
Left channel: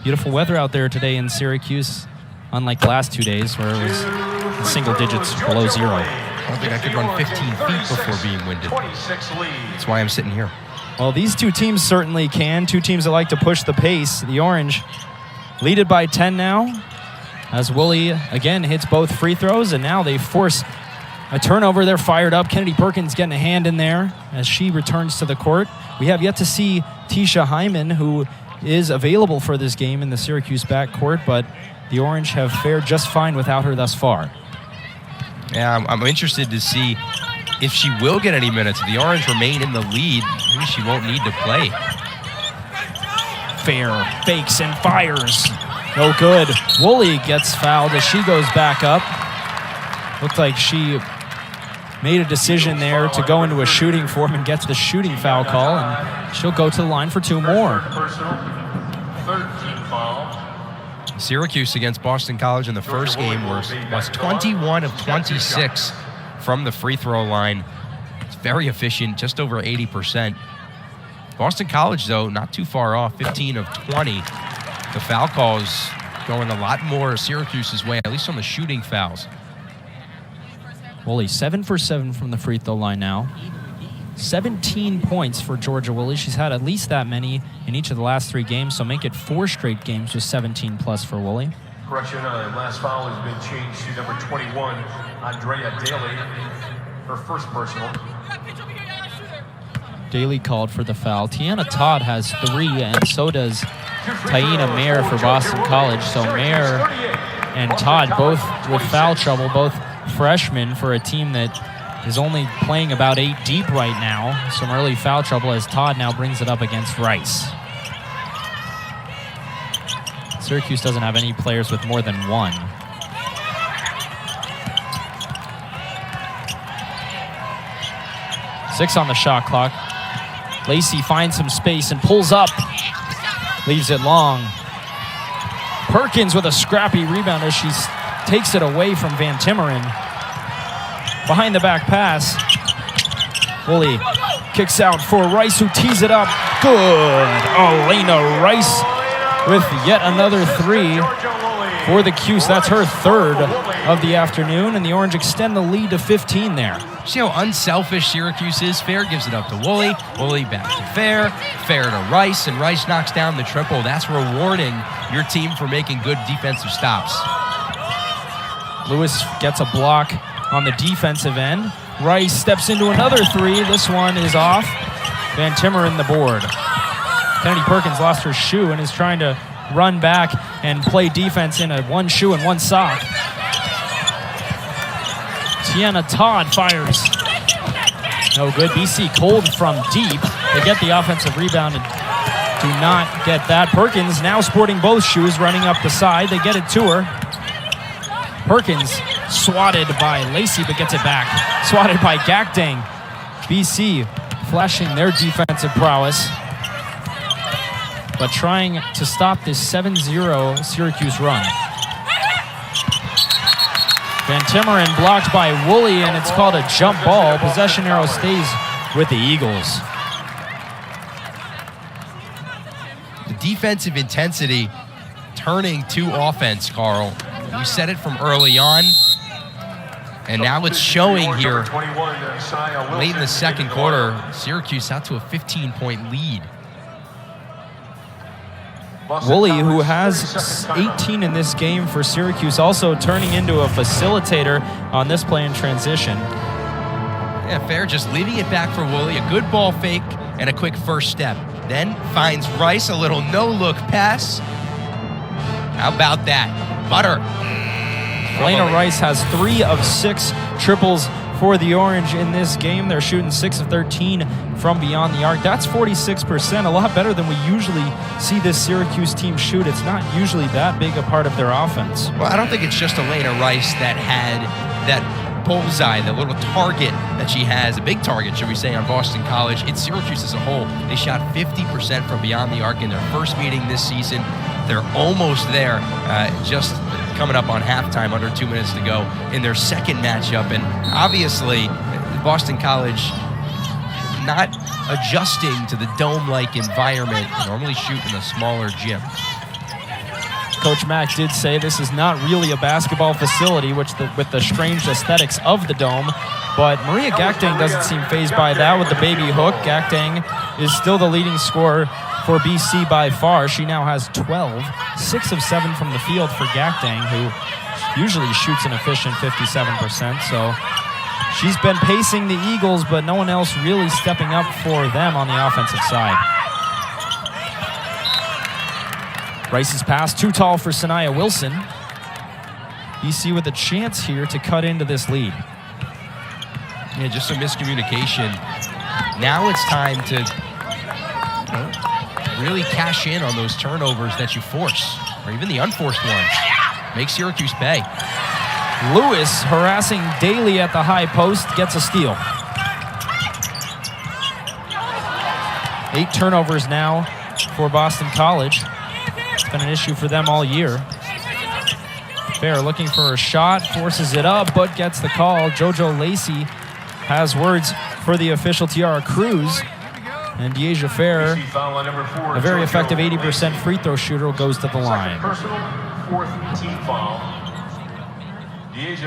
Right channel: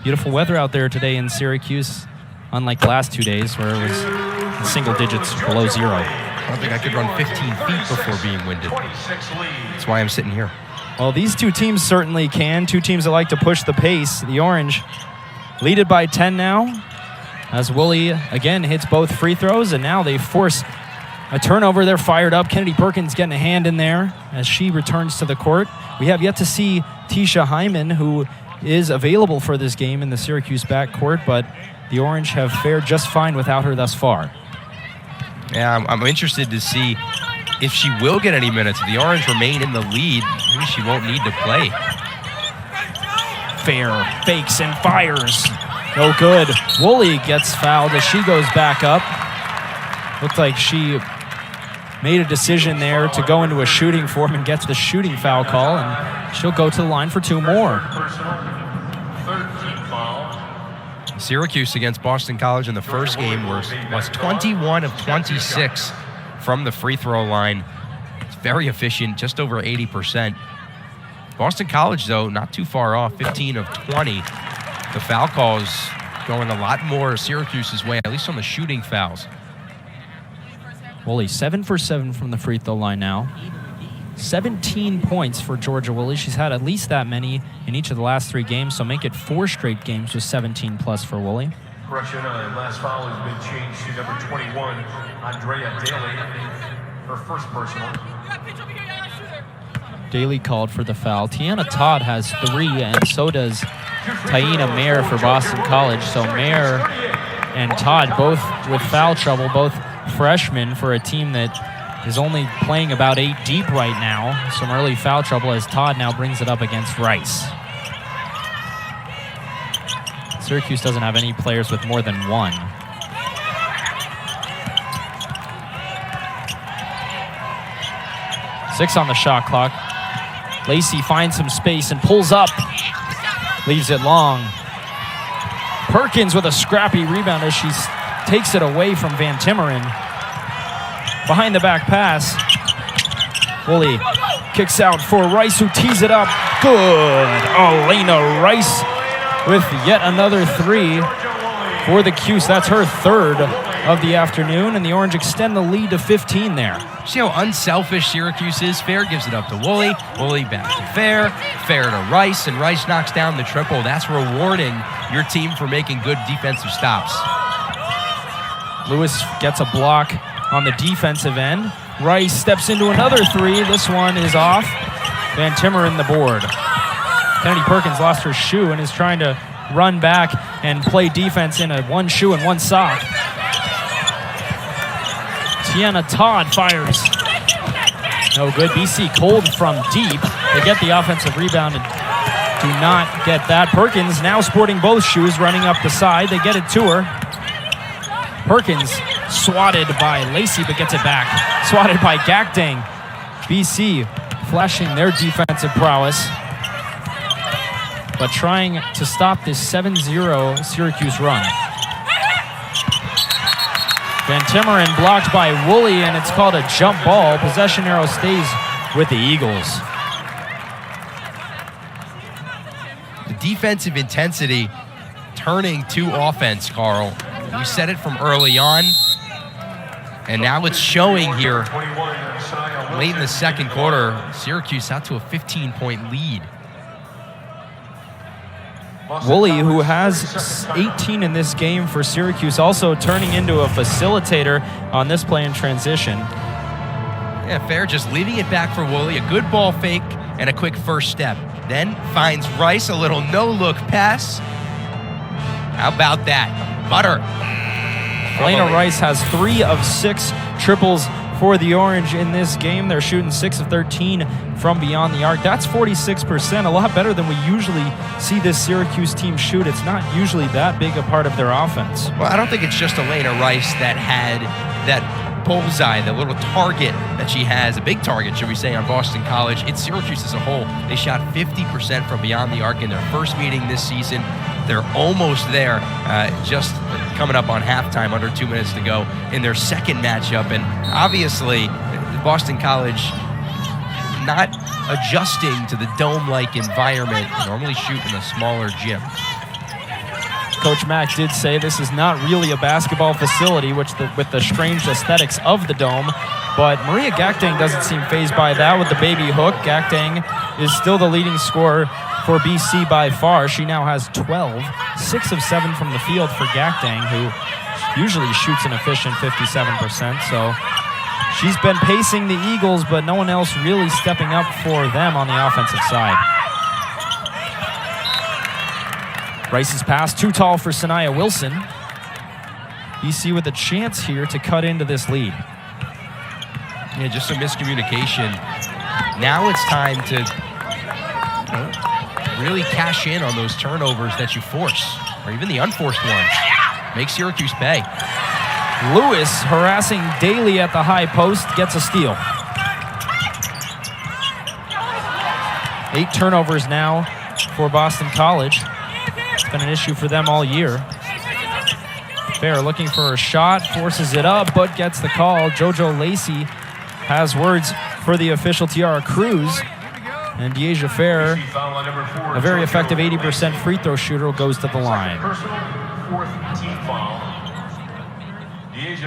Beautiful weather out there today in Syracuse, unlike the last 2 days where it was in single digits below zero. I don't think I could run 15 feet before being winded. That's why I'm sitting here. Well, these two teams certainly can. Two teams that like to push the pace. The Orange lead it by 10 now, as Woolley again hits both free throws, and now they force a turnover. They're fired up. Kennedy Perkins getting a hand in there as she returns to the court. We have yet to see Tisha Hyman, who is available for this game in the Syracuse backcourt, but the Orange have fared just fine without her thus far. Yeah, I'm interested to see if she will get any minutes. If the Orange remain in the lead, maybe she won't need to play. Fair fakes and fires. No good. Woolley gets fouled as she goes back up. Looked like she made a decision there to go into a shooting form and gets the shooting foul call, and she'll go to the line for 2 more. Syracuse against Boston College in the first game was 21 of 26 from the free throw line. It's very efficient, just over 80%. Boston College, though, not too far off, 15 of 20. The foul call is going a lot more Syracuse's way, at least on the shooting fouls. Woolley 7 for 7 from the free throw line now. 17 points for Georgia Woolley. She's had at least that many in each of the last 3 games, so make it 4 straight games with 17 plus for Woolley. Correction, last foul has been changed to number 21, Andrea Daly, her first personal. Daly called for the foul. Tiana Todd has 3, and so does Taina Mayer for Boston College. So Mayer and Todd both with foul trouble, both freshmen for a team that is only playing about 8 deep right now. Some early foul trouble as Todd now brings it up against Rice. Syracuse doesn't have any players with more than 1. Six on the shot clock. Lacey finds some space and pulls up. Leaves it long. Perkins with a scrappy rebound as she takes it away from Van Timmeren. Behind the back pass. Woolley kicks out for Rice, who tees it up. Good. Elena Rice with yet another 3 for the Cuse. That's her 3rd of the afternoon, and the Orange extend the lead to 15 there. See how unselfish Syracuse is? Fair gives it up to Woolley. Woolley back to Fair. Fair to Rice, and Rice knocks down the triple. That's rewarding your team for making good defensive stops. Lewis gets a block on the defensive end. Rice steps into another 3. This one is off. Van Timmeren the board. Kennedy Perkins lost her shoe and is trying to run back and play defense in a 1 shoe and 1 sock. Tiana Todd fires. No good. BC cold from deep. They get the offensive rebound and do not get that. Perkins now sporting both shoes, running up the side. They get it to her. Perkins swatted by Lacey, but gets it back. Swatted by Gakdeng. BC flashing their defensive prowess. but trying to stop this 7-0 Syracuse run. Van Timmeren blocked by Woolley, and it's called a jump ball. Possession arrow stays with the Eagles. The defensive intensity turning to offense, Carl. We said it from early on, and now it's showing here late in the second quarter. Syracuse out to a 15-point lead. Woolley, who has 18 in this game for Syracuse, also turning into a facilitator on this play in transition. Yeah, Fair just leading it back for Woolley. A good ball fake and a quick first step. Then finds Rice, a little no-look pass. How about that? Butter. Elena Rice has 3 of 6 triples for the Orange in this game. They're shooting 6 of 13 from beyond the arc. That's 46%, a lot better than we usually see this Syracuse team shoot. It's not usually that big a part of their offense. Well, I don't think it's just Elena Rice that had that bullseye, the little target that she has, a big target, should we say, on Boston College. It's Syracuse as a whole. They shot 50% from beyond the arc in their first meeting this season. They're almost there, just coming up on halftime, under 2 minutes to go in their second matchup. And obviously, Boston College not adjusting to the dome-like environment. They normally shoot in a smaller gym. Coach Mack did say this is not really a basketball facility, with the strange aesthetics of the dome. But Maria Gakdeng doesn't seem fazed by that with the baby hook. Gakdeng is still the leading scorer for BC by far. She now has 12, 6 of 7 from the field for Gakdeng, who usually shoots an efficient 57%. So she's been pacing the Eagles, but no one else really stepping up for them on the offensive side. Rice's pass, too tall for Sanaya Wilson. BC with a chance here to cut into this lead. Yeah, just some miscommunication. Now it's time to really cash in on those turnovers that you force, or even the unforced ones. Make Syracuse pay. Lewis harassing Daly at the high post, gets a steal. 8 turnovers now for Boston College. It's been an issue for them all year. Fair looking for a shot, forces it up, but gets the call. JoJo Lacey has words for the official Tiara Cruz. And Dyaisha Fair, a very effective 80% free throw shooter, goes to the line.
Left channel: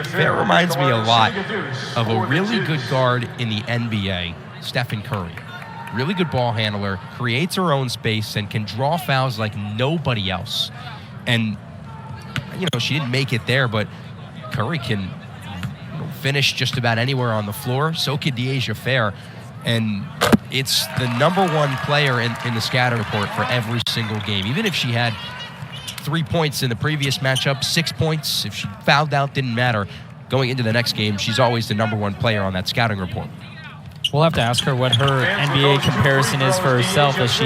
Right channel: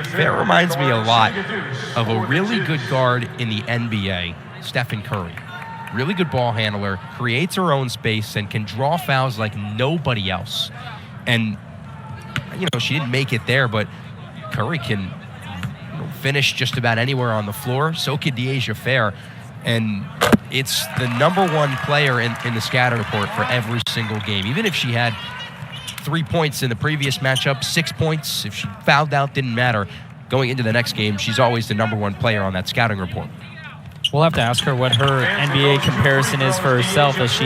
Fair reminds me a lot of a really good guard in the NBA, Stephen Curry. Really good ball handler, creates her own space, and can draw fouls like nobody else. And, she didn't make it there, but Curry can finish just about anywhere on the floor. So could Dyaisha Fair. And it's the number 1 player in the scatter report for every single game. Even if she had 3 points in the previous matchup, 6 points, if she fouled out, didn't matter. Going into the next game, she's always the number 1 player on that scouting report. We'll have to ask her what her NBA comparison is for herself as she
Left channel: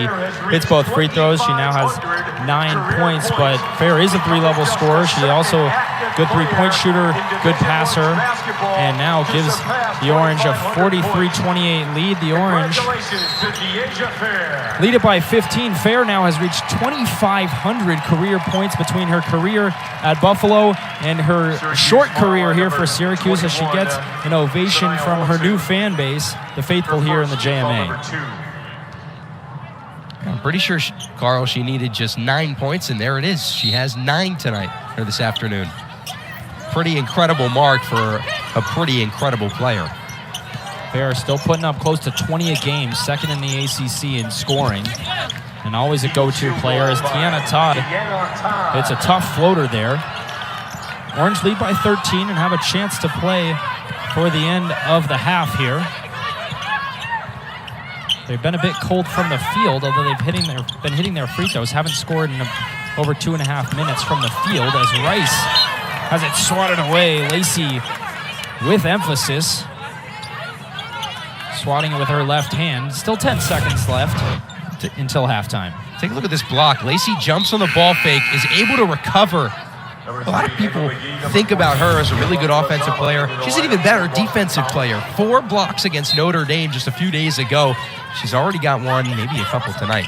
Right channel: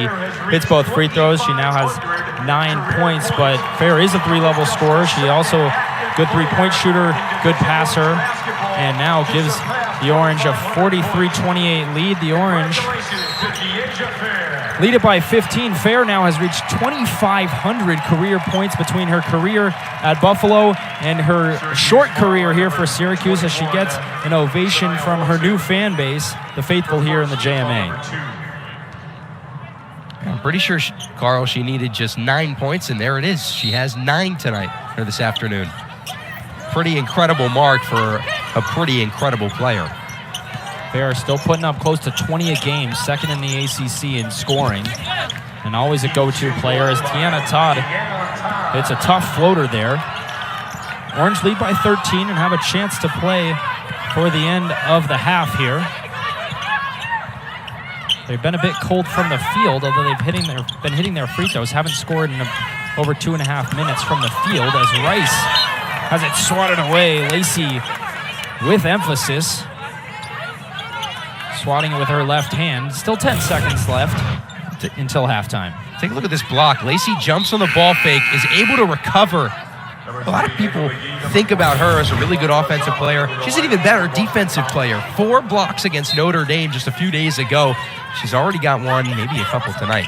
hits both free throws. She now has 9 points, but Fair is a 3-level scorer. She also good 3-point shooter, good passer, and now gives the Orange a 43-28 lead. The Orange lead it by 15. Fair now has reached 2,500 career points between her career at Buffalo and her short career here for Syracuse, as she gets an ovation from her new fan base, the faithful here in the JMA. I'm pretty sure, Carl, she needed just 9 points, and there it is. She has 9 tonight, or this afternoon. Pretty incredible mark for a pretty incredible player. Fair still putting up close to 20 a game, second in the ACC in scoring, and always a go-to player as Tiana Todd hits a tough floater there. Orange lead by 13 and have a chance to play for the end of the half here. They've been a bit cold from the field, although they've been hitting their free throws. Haven't scored in over 2.5 minutes from the field as Rice has it swatted away. Lacey with emphasis, swatting it with her left hand. Still 10 seconds left until halftime. Take a look at this block. Lacey jumps on the ball fake, is able to recover. A lot of people think about her as a really good offensive player. She's an even better defensive player. 4 blocks against Notre Dame just a few days ago. She's already got one, maybe a couple tonight.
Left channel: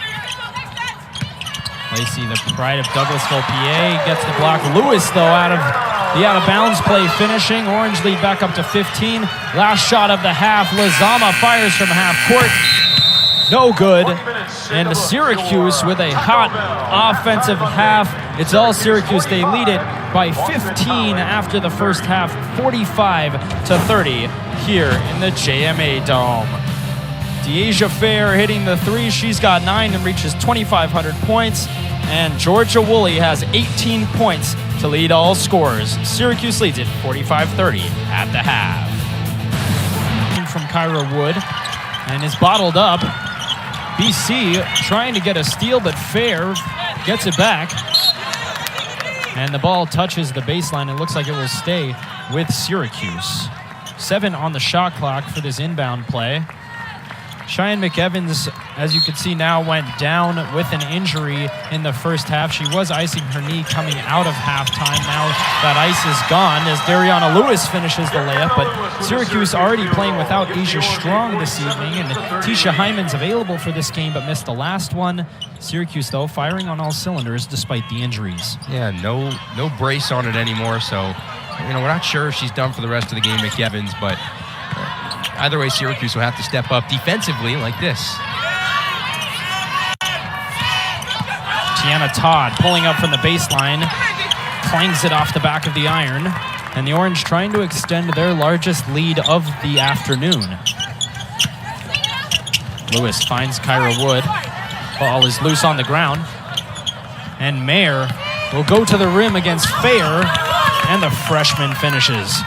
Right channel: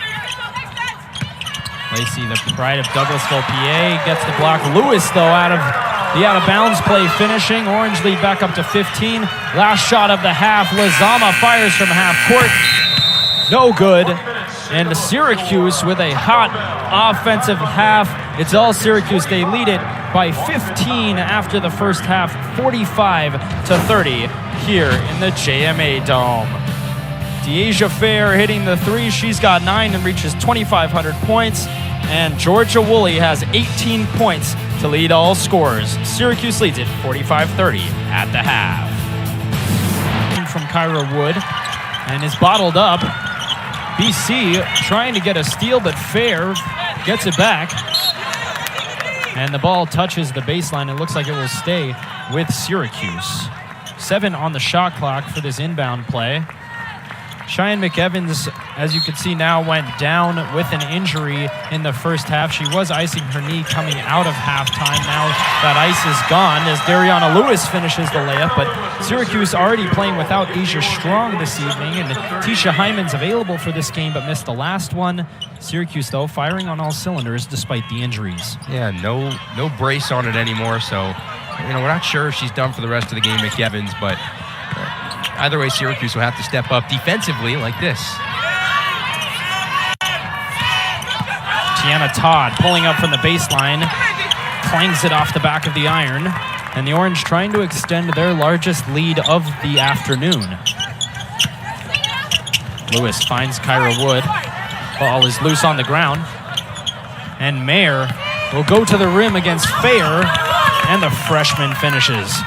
Lacey, the pride of Douglasville, PA, gets the block. Lewis, though, out of the out-of-bounds play finishing. Orange lead back up to 15. Last shot of the half. Lizama fires from half court. No good. And Syracuse with a hot offensive half. It's all Syracuse. They lead it by 15 after the first half, 45-30 here in the JMA Dome. Dyaisha Fair hitting the three. She's got 9 and reaches 2,500 points. And Georgia Woolley has 18 points to lead all scorers. Syracuse leads it 45-30 at the half. From Kyra Wood and is bottled up. BC trying to get a steal, but Fair gets it back. And the ball touches the baseline. It looks like it will stay with Syracuse. 7 on the shot clock for this inbound play. Cheyenne McEvans, as you can see now, went down with an injury in the first half. She was icing her knee coming out of halftime. Now that ice is gone as Dariana Lewis finishes the layup, but Syracuse already playing without Asia Strong this evening, and Tisha Hyman's available for this game but missed the last one. Syracuse, though, firing on all cylinders despite the injuries. Yeah, no brace on it anymore, so we're not sure if she's done for the rest of the game, McEvans, but either way, Syracuse will have to step up defensively like this. Tiana Todd pulling up from the baseline, clangs it off the back of the iron, and the Orange trying to extend their largest lead of the afternoon. Lewis finds Kyra Wood. Ball is loose on the ground, and Mayer will go to the rim against Fair, and the freshman finishes.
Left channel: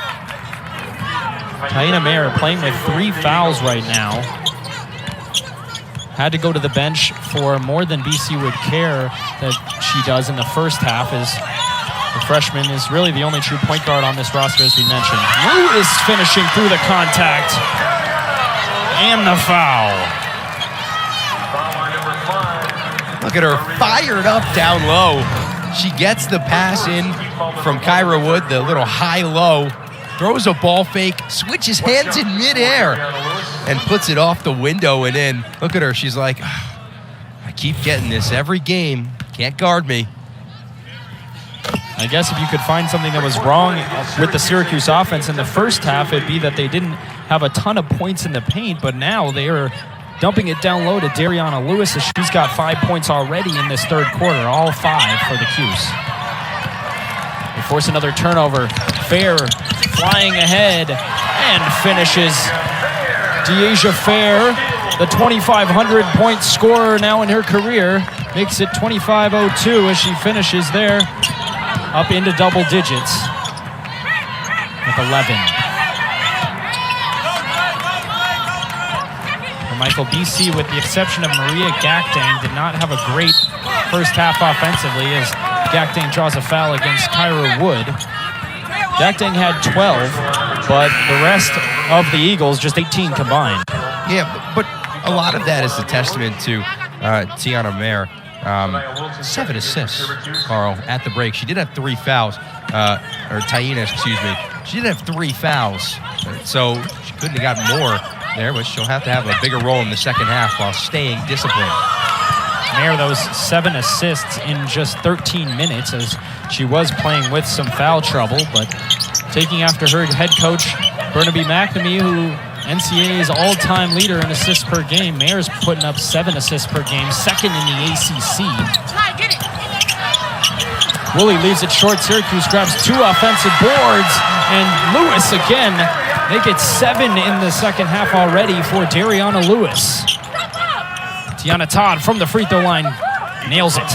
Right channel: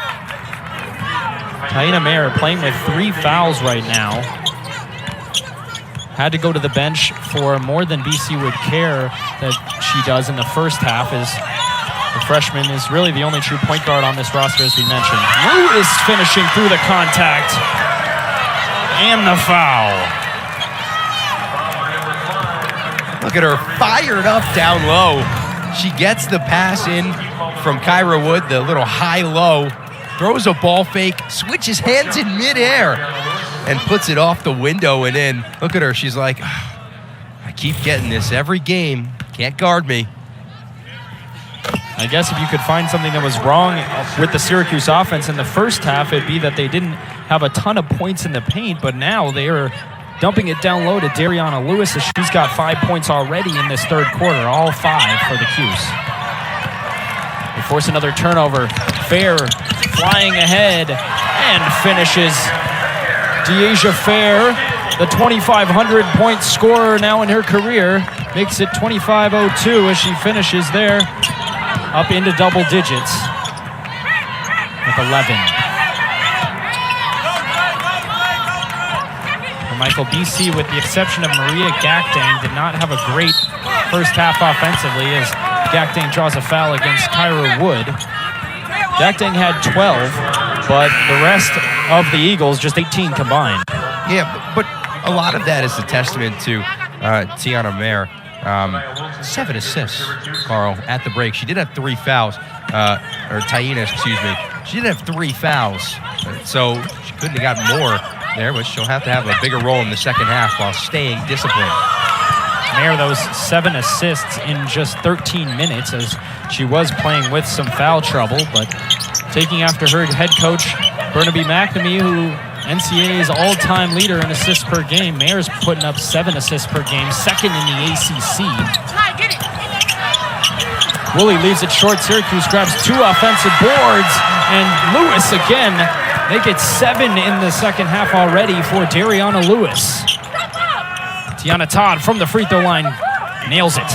Taina Mayer playing with 3 fouls right now. Had to go to the bench for more than BC would care that she does in the first half, as the freshman is really the only true point guard on this roster, as we mentioned. Lewis finishing through the contact. And the foul. Look at her, fired up down low. She gets the pass in from Kyra Wood, the little high-low. Throws a ball fake, switches hands in midair, and puts it off the window and in. Look at her. She's like, I keep getting this every game. Can't guard me. I guess if you could find something that was wrong with the Syracuse offense in the first half, it'd be that they didn't have a ton of points in the paint, but now they are dumping it down low to Dariana Lewis, as she's got 5 points already in this third quarter, all 5 for the Cuse. They force another turnover. Fair flying ahead and finishes. Dyaisha Fair, the 2,500-point scorer now in her career, makes it 25-02 as she finishes there, up into double digits with 11. And Michael, BC, with the exception of Maria Gakdeng, did not have a great first half offensively, as Gakdeng draws a foul against Kyra Wood. Gakdeng had 12, but the rest of the Eagles, just 18 combined. Yeah, but a lot of that is a testament to Tiana Mayer. 7 assists, Carl, at the break. She did have 3 fouls, or Taina, excuse me. She did have 3 fouls, so she couldn't have gotten more there, but she'll have to have a bigger role in the second half while staying disciplined. Mayer, those 7 assists in just 13 minutes, as she was playing with some foul trouble, but taking after her head coach, Burnaby McNamee, who NCAA's all-time leader in assists per game. Mayer's putting up 7 assists per game, second in the ACC. Woolley leaves it short. Syracuse grabs 2 offensive boards, and Lewis again make it 7 in the second half already for Dariana Lewis. Tiana Todd from the free throw line nails it.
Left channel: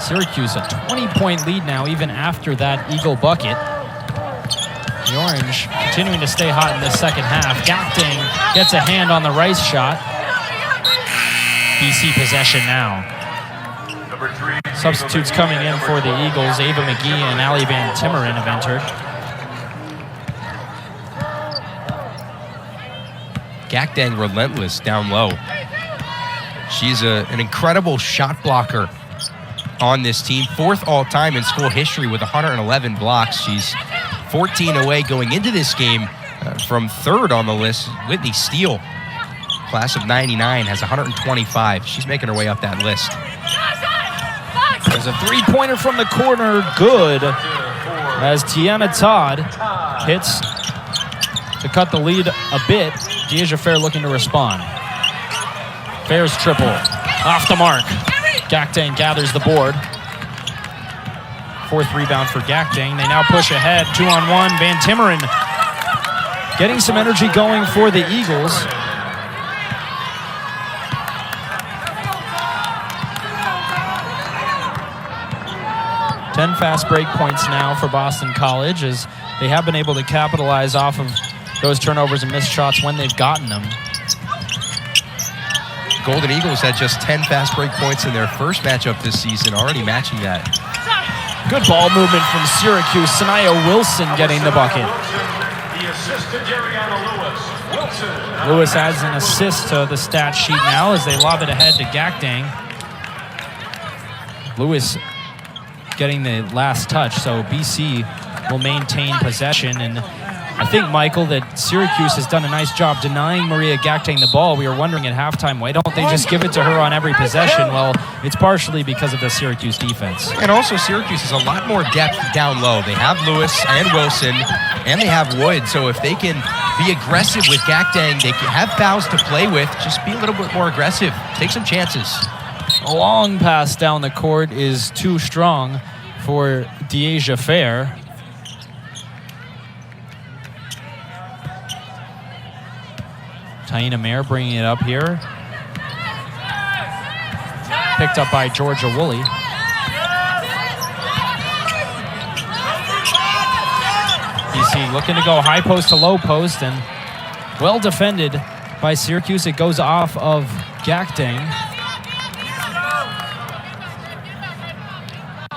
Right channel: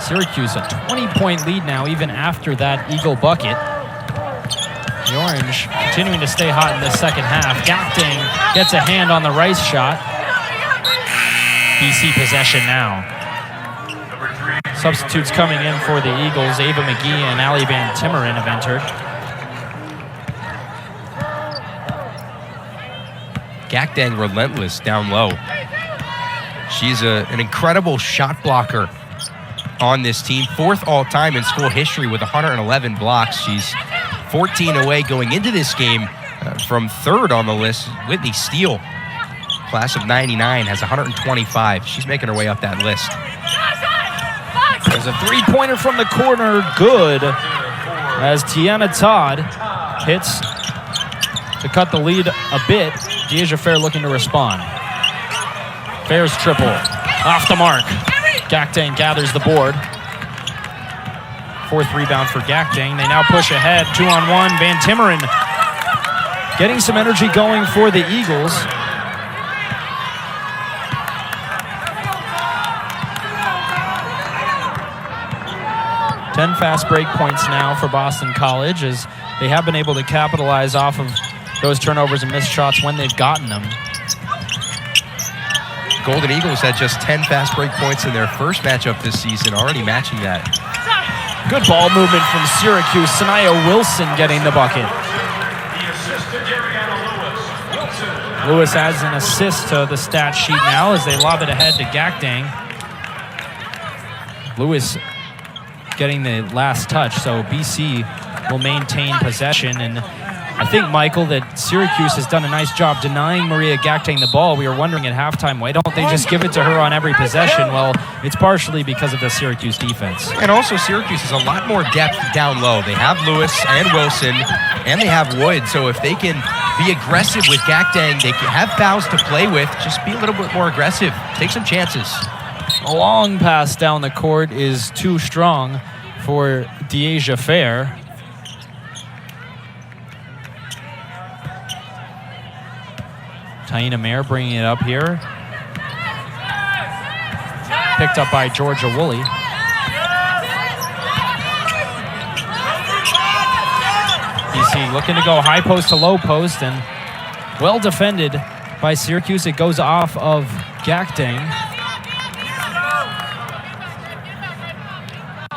Syracuse a 20-point lead now, even after that Eagle bucket. The Orange continuing to stay hot in the second half. Gakdeng gets a hand on the Rice shot. BC possession now. Substitutes coming in for the Eagles. Ava McGee and Allie Van Timmeren have entered. Gakdeng relentless down low. She's an incredible shot blocker on this team. 4th all-time in school history with 111 blocks. She's 14 away going into this game from 3rd on the list. Whitney Steele class of 99, has 125. She's making her way up that list. There's a three-pointer from the corner. Good. As Tiana Todd hits to cut the lead a bit. Dyaisha Fair looking to respond. Fair's triple. Off the mark. Gakdeng gathers the board. Fourth rebound for Gakdeng. They now push ahead. 2-on-1. Van Timmeren getting some energy going for the Eagles. Ten fast break points now for Boston College, as they have been able to capitalize off of those turnovers and missed shots when they've gotten them. Golden Eagles had just 10 fast break points in their first matchup this season, already matching that. Good ball movement from Syracuse. Sanaya Wilson getting the bucket. Lewis adds an assist to the stat sheet now as they lob it ahead to Gakdeng. Lewis getting the last touch, so BC will maintain possession. And I think, Michael, that Syracuse has done a nice job denying Maria Gakdeng the ball. We were wondering at halftime, why don't they just give it to her on every possession? Well, it's partially because of the Syracuse defense. And also Syracuse has a lot more depth down low. They have Lewis and Wilson, and they have Wood. So if they can be aggressive with Gakdeng, they can have fouls to play with. Just be a little bit more aggressive. Take some chances. A long pass down the court is too strong for Dyaisha Fair. Taina Mayer bringing it up here. Picked up by Georgia Woolley. BC looking to go high post to low post, and well defended by Syracuse. It goes off of Gakdeng.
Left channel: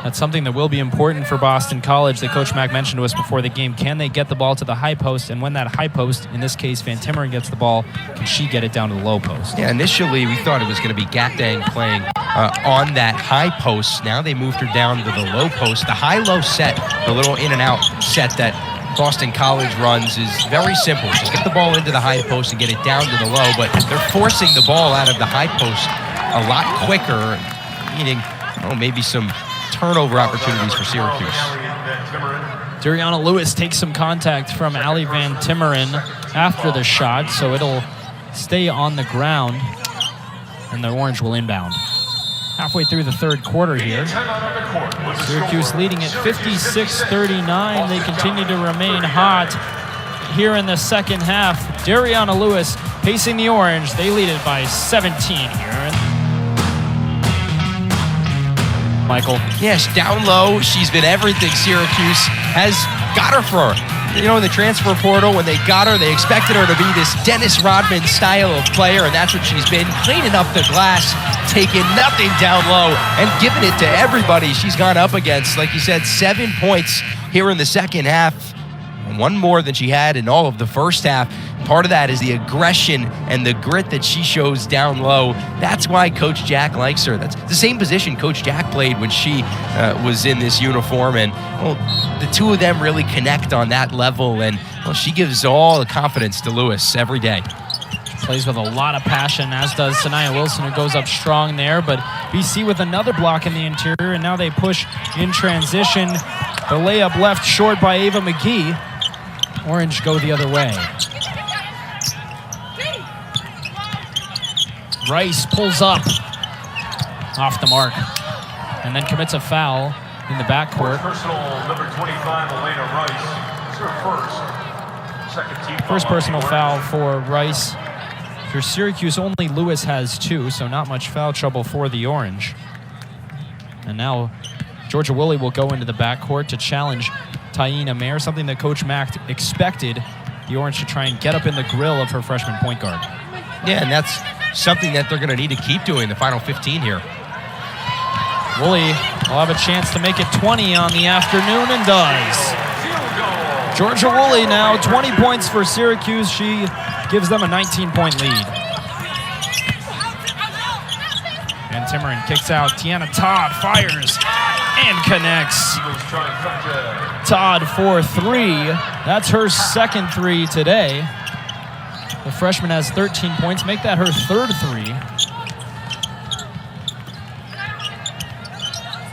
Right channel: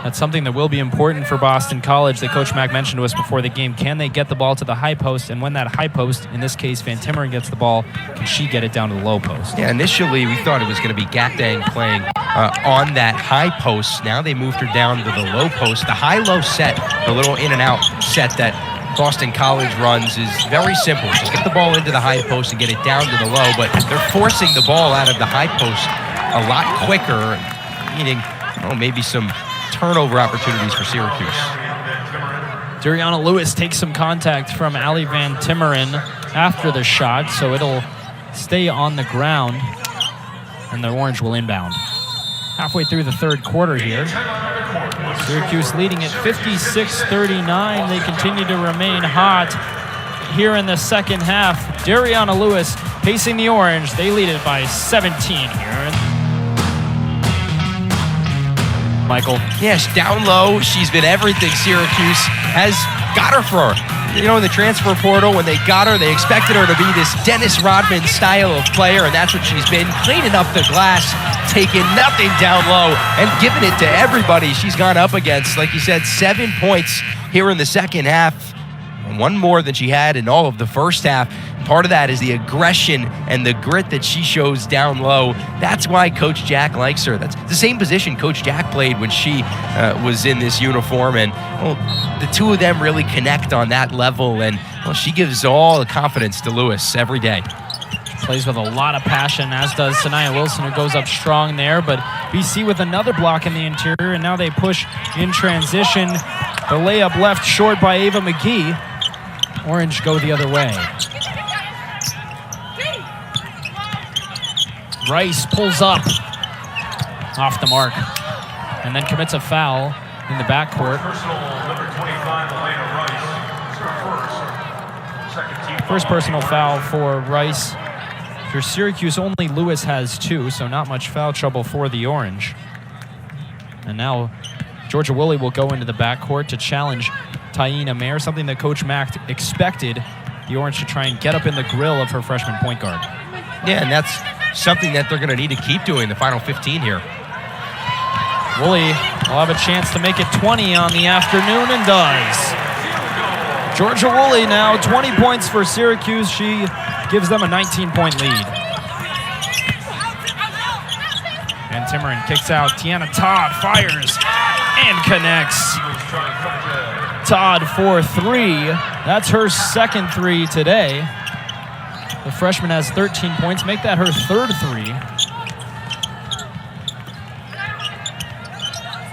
That's something that will be important for Boston College that Coach Mack mentioned to us before the game. Can they get the ball to the high post? And when that high post, in this case Van Timmeren, gets the ball, can she get it down to the low post? Yeah, initially we thought it was going to be Gakdeng playing on that high post. Now they moved her down to the low post. The high-low set, the little in-and-out set that Boston College runs, is very simple. Just get the ball into the high post and get it down to the low, but they're forcing the ball out of the high post a lot quicker, meaning maybe some turnover opportunities for Syracuse. Dariana Lewis takes some contact from Ali Van Timmeren after the shot, so it'll stay on the ground, and the Orange will inbound. Halfway through the third quarter here. Syracuse leading at 56-39. They continue to remain hot here in the second half. Dariana Lewis pacing the Orange. They lead it by 17 here. Michael. Yes, down low. She's been everything Syracuse has got her for. In the transfer portal, when they got her, they expected her to be this Dennis Rodman style of player, and that's what she's been. Cleaning up the glass, taking nothing down low, and giving it to everybody she's gone up against. Like you said, 7 points here in the second half, and one more than she had in all of the first half. Part of that is the aggression and the grit that she shows down low. That's why Coach Jack likes her. That's the same position Coach Jack played when she was in this uniform. And the two of them really connect on that level. And she gives all the confidence to Lewis every day. Plays with a lot of passion, as does Sanaya Wilson, who goes up strong there. But BC with another block in the interior, and now they push in transition. The layup left short by Ava McGee. Orange go the other way. Rice pulls up off the mark and then commits a foul in the backcourt. Personal number 25, Elena Rice. It's her second team. First personal foul for Rice. For Syracuse, only Lewis has 2, so not much foul trouble for the Orange. And now Georgia Woolley will go into the backcourt to challenge Taina Mayer, something that Coach Mack expected the Orange to try and get up in the grill of her freshman point guard. Yeah, and that's something that they're going to need to keep doing the final 15 here. Woolley will have a chance to make it 20 on the afternoon, and does. Georgia Woolley now 20 points for Syracuse. She gives them a 19-point lead. Van Timmeren kicks out. Tiana Todd fires and connects. Todd for 3. That's her second 3 today. The freshman has 13 points. Make that her third three.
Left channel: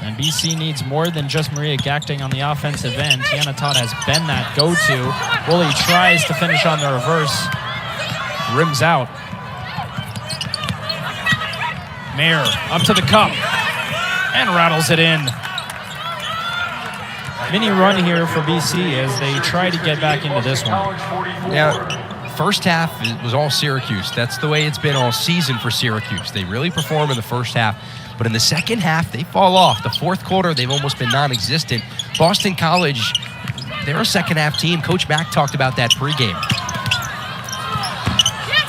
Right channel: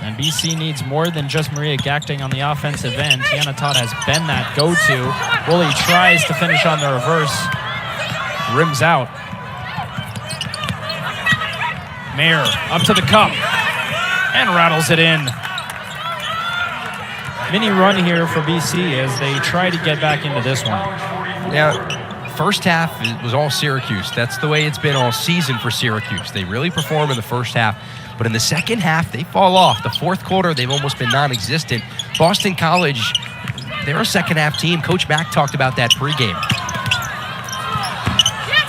And BC needs more than just Maria Gakdeng on the offensive end. Tiana Todd has been that go-to. Woolley tries to finish on the reverse. Rims out. Mayer up to the cup and rattles it in. Mini run here for BC as they try to get back into this one. Yeah, first half was all Syracuse. That's the way it's been all season for Syracuse. They really perform in the first half, but in the second half, they fall off. The fourth quarter, they've almost been non-existent. Boston College, they're a second-half team. Coach Mack talked about that pregame.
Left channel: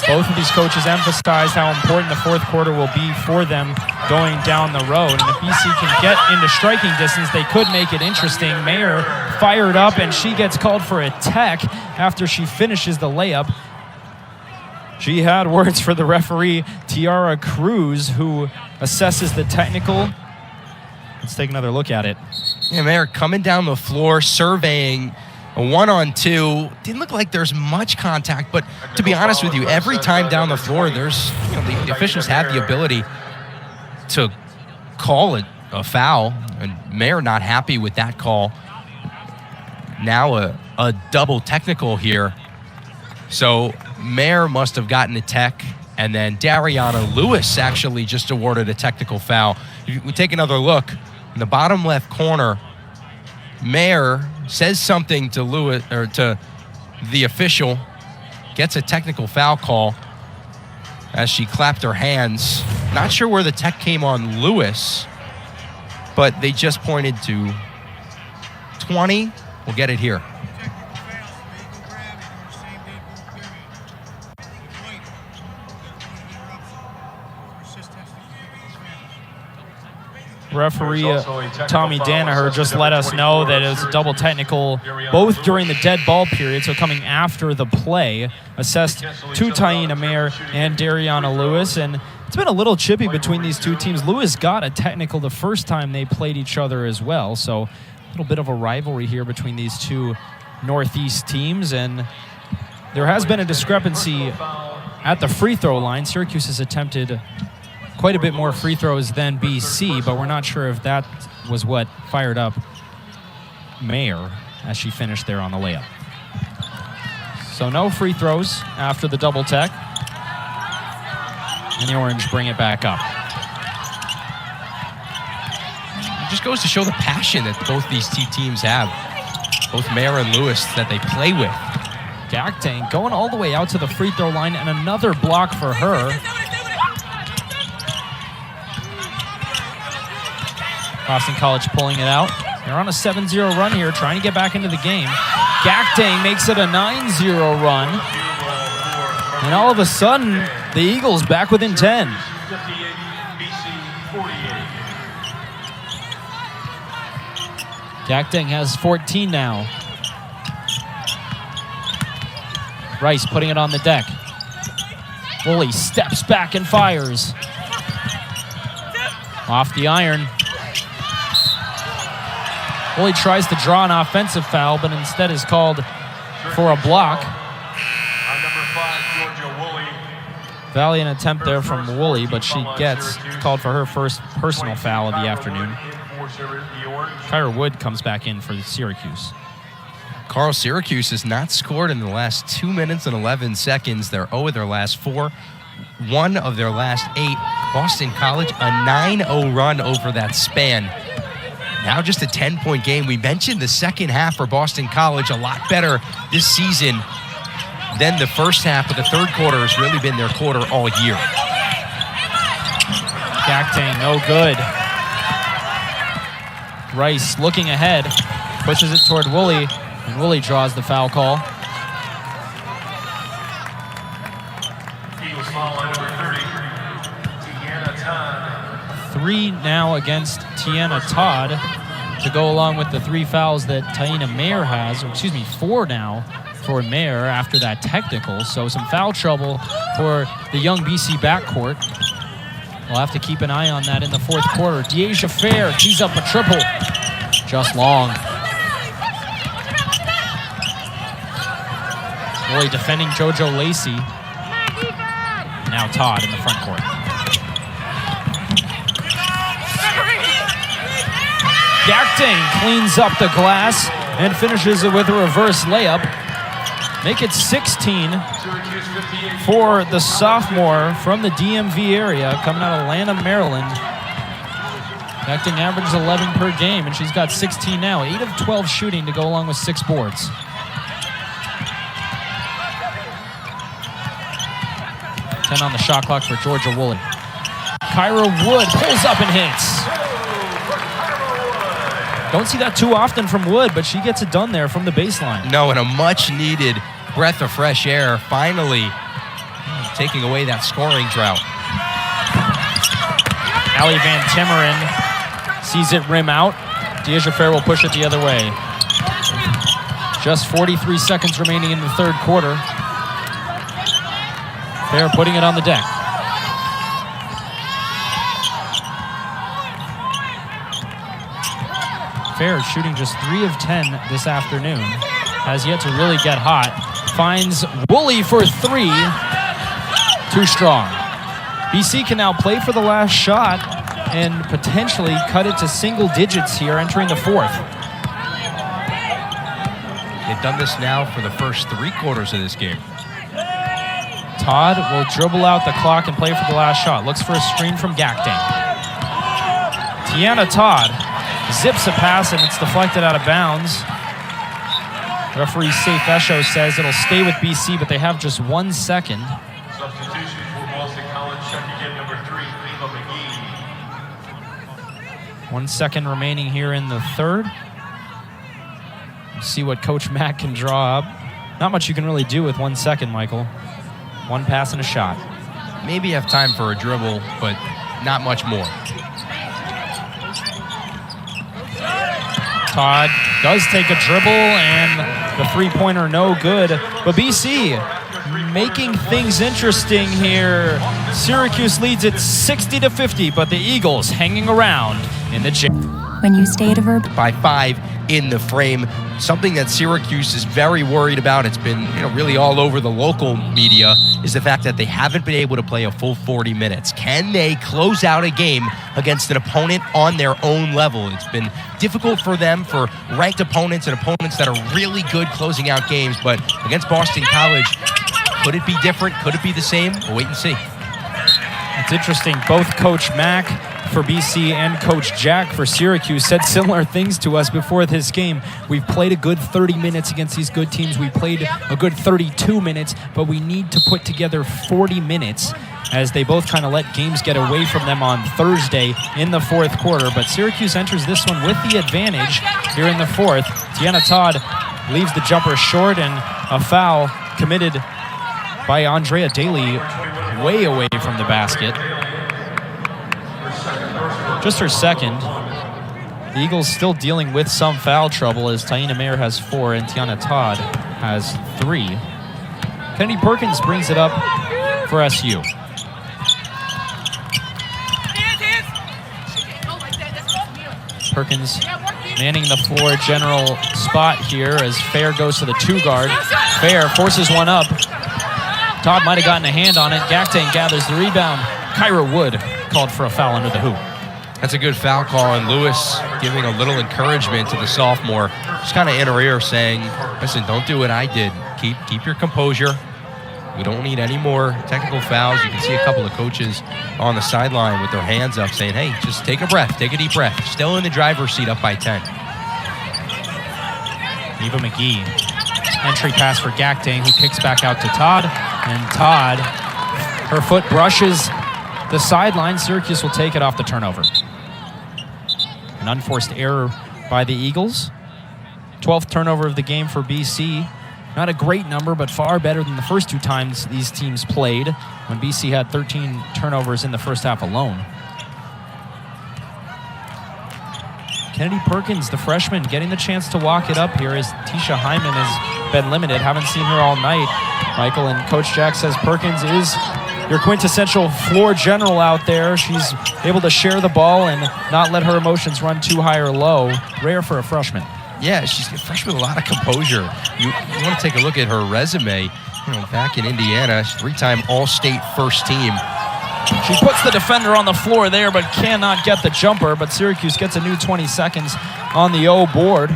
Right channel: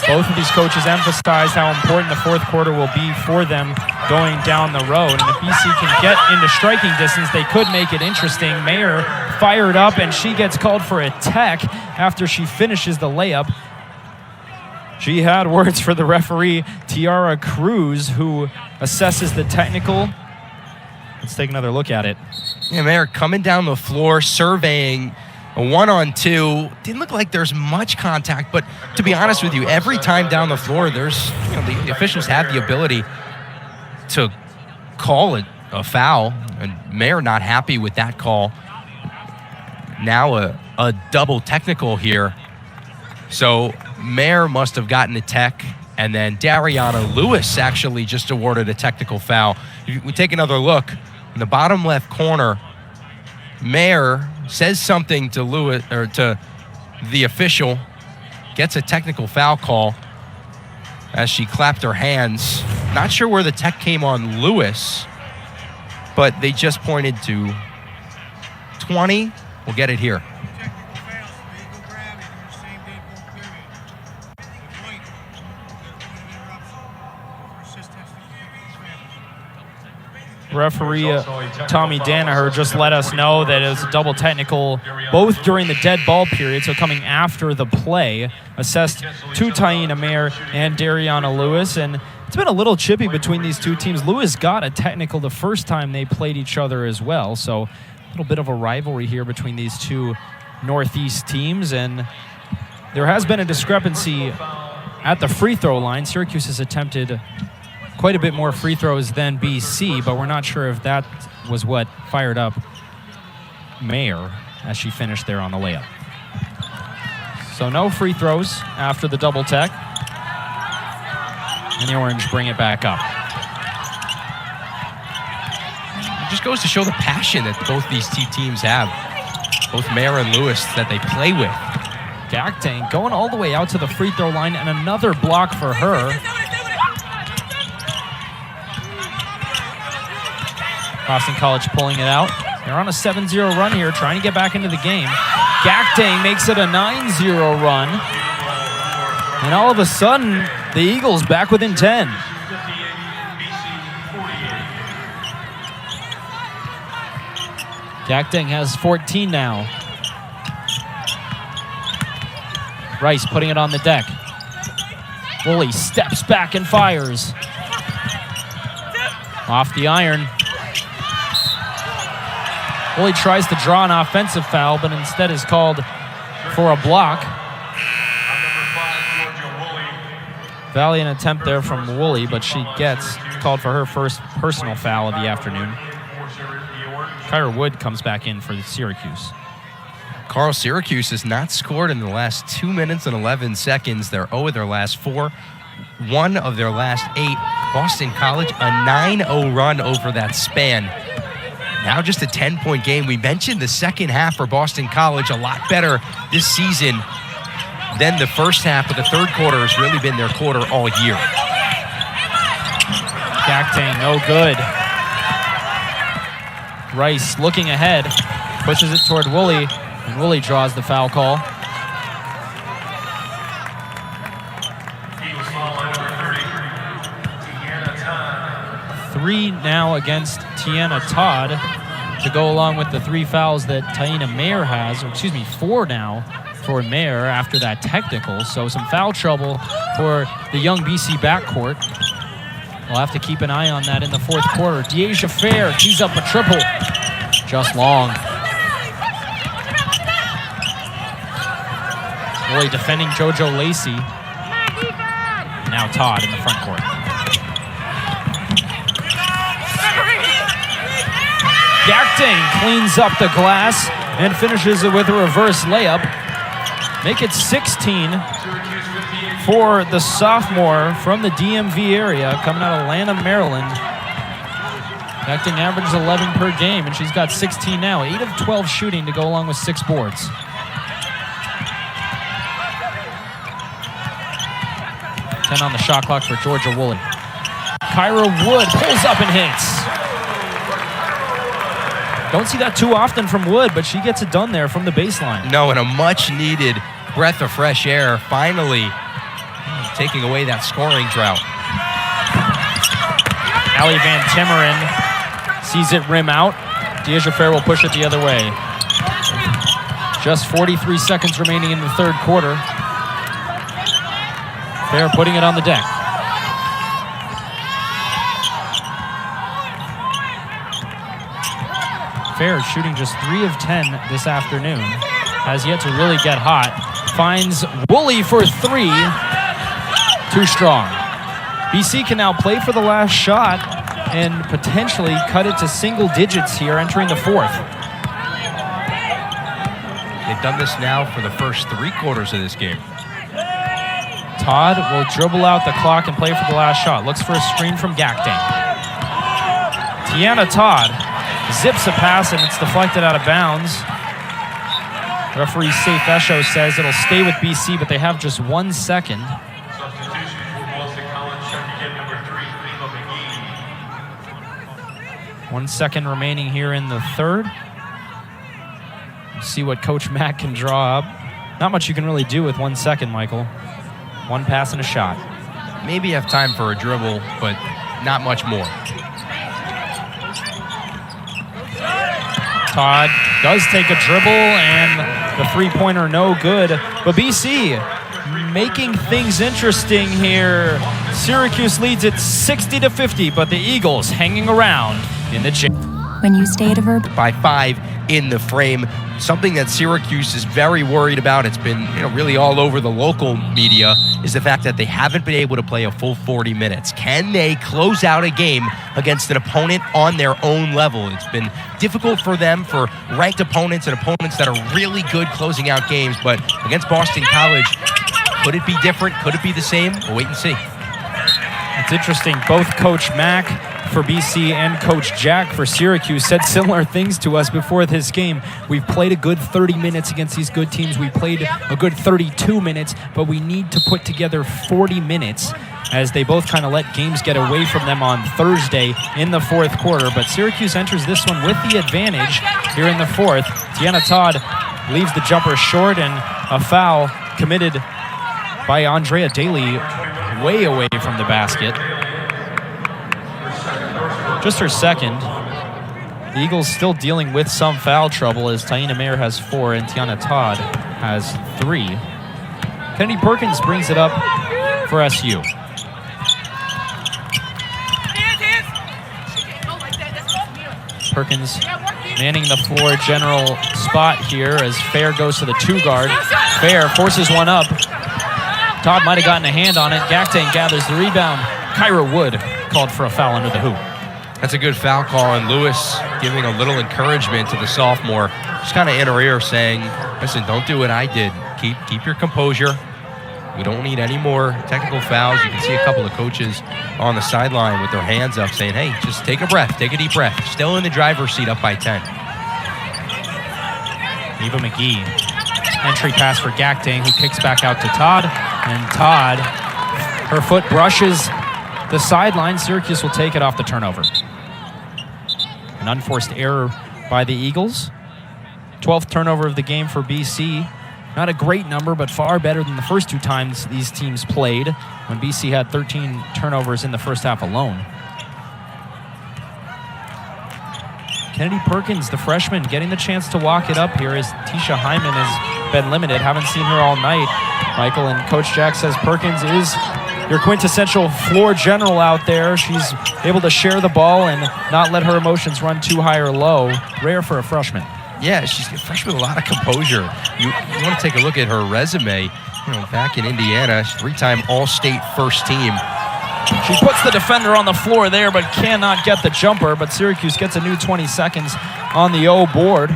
Both of these coaches emphasize how important the fourth quarter will be for them going down the road. And if BC can get into striking distance, they could make it interesting. Mayer fired up, and she gets called for a tech after she finishes the layup. She had words for the referee, Tiara Cruz, who assesses the technical. Let's take another look at it. Yeah, Mayer coming down the floor, surveying a 1-on-2. Didn't look like there's much contact, but to be honest with you, every time down the floor, there's, the officials have the ability to call it a foul, and Mayer not happy with that call. Now a double technical here. So Mayer must have gotten a tech, and then Dariana Lewis actually just awarded a technical foul. If we take another look, in the bottom left corner, Mayer says something to Lewis, or to the official, gets a technical foul call as she clapped her hands. Not sure where the tech came on Lewis, but they just pointed to 20. We'll get it here. Referee Tommy Danaher just let us know that it was a double technical both during the dead ball period, so coming after the play, assessed to Taina Mayer and Dariana Lewis. And it's been a little chippy between these two teams. Lewis got a technical the first time they played each other as well, so a little bit of a rivalry here between these two Northeast teams. And there has been a discrepancy at the free throw line. Syracuse has attempted quite a bit more free throws than BC, but we're not sure if that was what fired up Mayer as she finished there on the layup. So no free throws after the double tech. And the Orange bring it back up. It just goes to show the passion that both these two teams have. Both Mayer and Lewis that they play with. Gakdeng going all the way out to the free throw line, and another block for her. Boston College pulling it out. They're on a 7-0 run here, trying to get back into the game. Gakdeng makes it a 9-0 run. And all of a sudden, the Eagles back within 10. Gakdeng has 14 now. Rice putting it on the deck. Woolley steps back and fires. Off the iron. Woolley tries to draw an offensive foul, but instead is called for a block. Valiant attempt there from Woolley, but she gets called for her first personal foul of the afternoon. Kyra Wood comes back in for Syracuse. Carl, Syracuse has not scored in the last 2 minutes and 11 seconds. They're 0 of their last 4, 1 of their last 8. Boston College, a 9-0 run over that span. Now just a 10-point game. We mentioned the second half for Boston College a lot better this season than the first half, but the third quarter has really been their quarter all year. Gakdeng, no good. Rice looking ahead, pushes it toward Woolley, and Woolley draws the foul call. Three now against Tiana Todd to go along with the 3 fouls that Taina Mayer has, or excuse me, 4 now for Mayer after that technical. So some foul trouble for the young BC backcourt. We'll have to keep an eye on that in the fourth quarter. Dyaisha Fair tees up a triple. Just long. Woolley defending JoJo Lacey. Now Todd in the front court. Gakdeng cleans up the glass and finishes it with a reverse layup. Make it 16 for the sophomore from the DMV area, coming out of Lanham, Maryland. Gakdeng averages 11 per game, and she's got 16 now. 8 of 12 shooting to go along with 6 boards. 10 on the shot clock for Georgia Woolley. Kyra Wood pulls up and hits. Don't see that too often from Wood, but she gets it done there from the baseline. No, and a much-needed breath of fresh air, finally taking away that scoring drought. Allie Van Timmeren sees it rim out. Dyaisha Fair will push it the other way. Just 43 seconds remaining in the third quarter. Fair putting it on the deck. Fair shooting just 3 of 10 this afternoon. Has yet to really get hot. Finds Woolley for 3. Too strong. BC can now play for the last shot and potentially cut it to single digits here entering the fourth. They've done this now for the first 3 quarters of this game. Todd will dribble out the clock and play for the last shot. Looks for a screen from Gakdeng. Tiana Todd zips a pass and it's deflected out of bounds. Referee Safe Esho says it'll stay with BC, but they have just 1 second. Substitution for Boston College, checking in number 3, Eva McGee. 1 second remaining here in the third. We'll see what Coach Mack can draw up. Not much you can really do with 1 second, Michael. 1 pass and a shot. Maybe have time for a dribble, but not much more. Todd does take a dribble, and the three-pointer no good. But BC making things interesting here. Syracuse leads it 60-50, but the Eagles hanging around in the gym. When you stay at a verb By 5 in the frame, something that Syracuse is very worried about. It's been really all over the local media, is the fact that they haven't been able to play a full 40 minutes. Can they close out a game against an opponent on their own level? It's been difficult for them, for ranked opponents and opponents that are really good closing out games, but against Boston College, could it be different? Could it be the same? We'll wait and see. It's interesting. Both Coach Mack for BC and Coach Jack for Syracuse said similar things to us before this game. We've played a good 30 minutes against these good teams. We played a good 32 minutes, but we need to put together 40 minutes, as they both kind of let games get away from them on Thursday in the fourth quarter. But Syracuse enters this one with the advantage here in the fourth. Tiana Todd leaves the jumper short, and a foul committed by Andrea Daly way away from the basket. Just her second. The Eagles still dealing with some foul trouble, as Taina Mayer has 4 and Tiana Todd has 3. Kennedy Perkins brings it up for SU. Perkins manning the floor general spot here as Fair goes to the 2 guard. Fair forces one up. Todd might have gotten a hand on it. Gakdeng gathers the rebound. Kyra Wood called for a foul under the hoop. That's a good foul call, and Lewis giving a little encouragement to the sophomore. Just kind of in her ear saying, listen, don't do what I did. Keep your composure. We don't need any more technical fouls. You can see a couple of coaches on the sideline with their hands up saying, hey, just take a breath, take a deep breath. Still in the driver's seat, up by 10. Eva McGee. Entry pass for Gakdeng, who kicks back out to Todd. And Todd, her foot brushes the sideline. Syracuse will take it off the turnover. An unforced error by the Eagles. 12th turnover of the game for BC. Not a great number, but far better than the first 2 times these teams played, when BC had 13 turnovers in the first half alone. Kennedy Perkins, the freshman, getting the chance to walk it up here, as Tisha Hyman has been limited. Haven't seen her all night, Michael, and Coach Jack says Perkins is your quintessential floor general out there. She's able to share the ball and not let her emotions run too high or low. Rare for a freshman. Yeah, she's a freshman with a lot of composure. You want to take a look at her resume. back in Indiana, 3-time All-State first team. She puts the defender on the floor there, but cannot get the jumper. But Syracuse gets a new 20 seconds on the O board.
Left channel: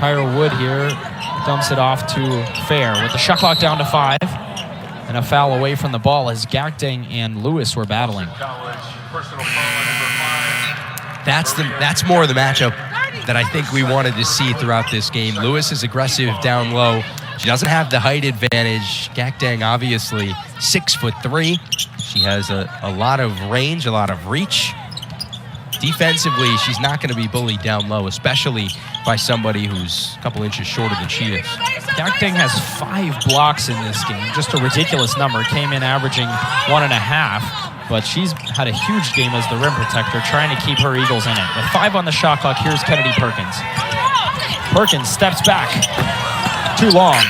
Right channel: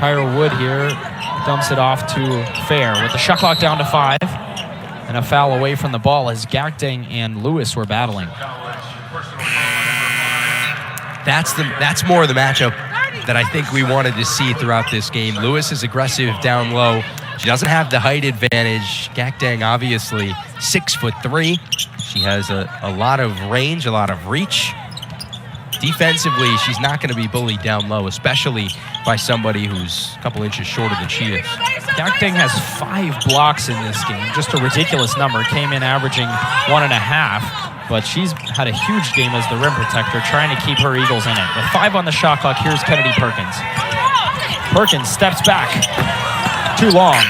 Kyra Wood here dumps it off to Fair with the shot clock down to 5. And a foul away from the ball as Gakdeng and Lewis were battling. That's more of the matchup that I think we wanted to see throughout this game. Lewis is aggressive down low. She doesn't have the height advantage. Gakdeng, obviously, 6'3". She has a lot of range, a lot of reach. Defensively, she's not going to be bullied down low, especially by somebody who's a couple inches shorter than she is. Gakdeng has 5 blocks in this game. Just a ridiculous number. Came in averaging 1.5. But she's had a huge game as the rim protector, trying to keep her Eagles in it. With 5 on the shot clock, here's Kennedy Perkins. Perkins steps back. Too long.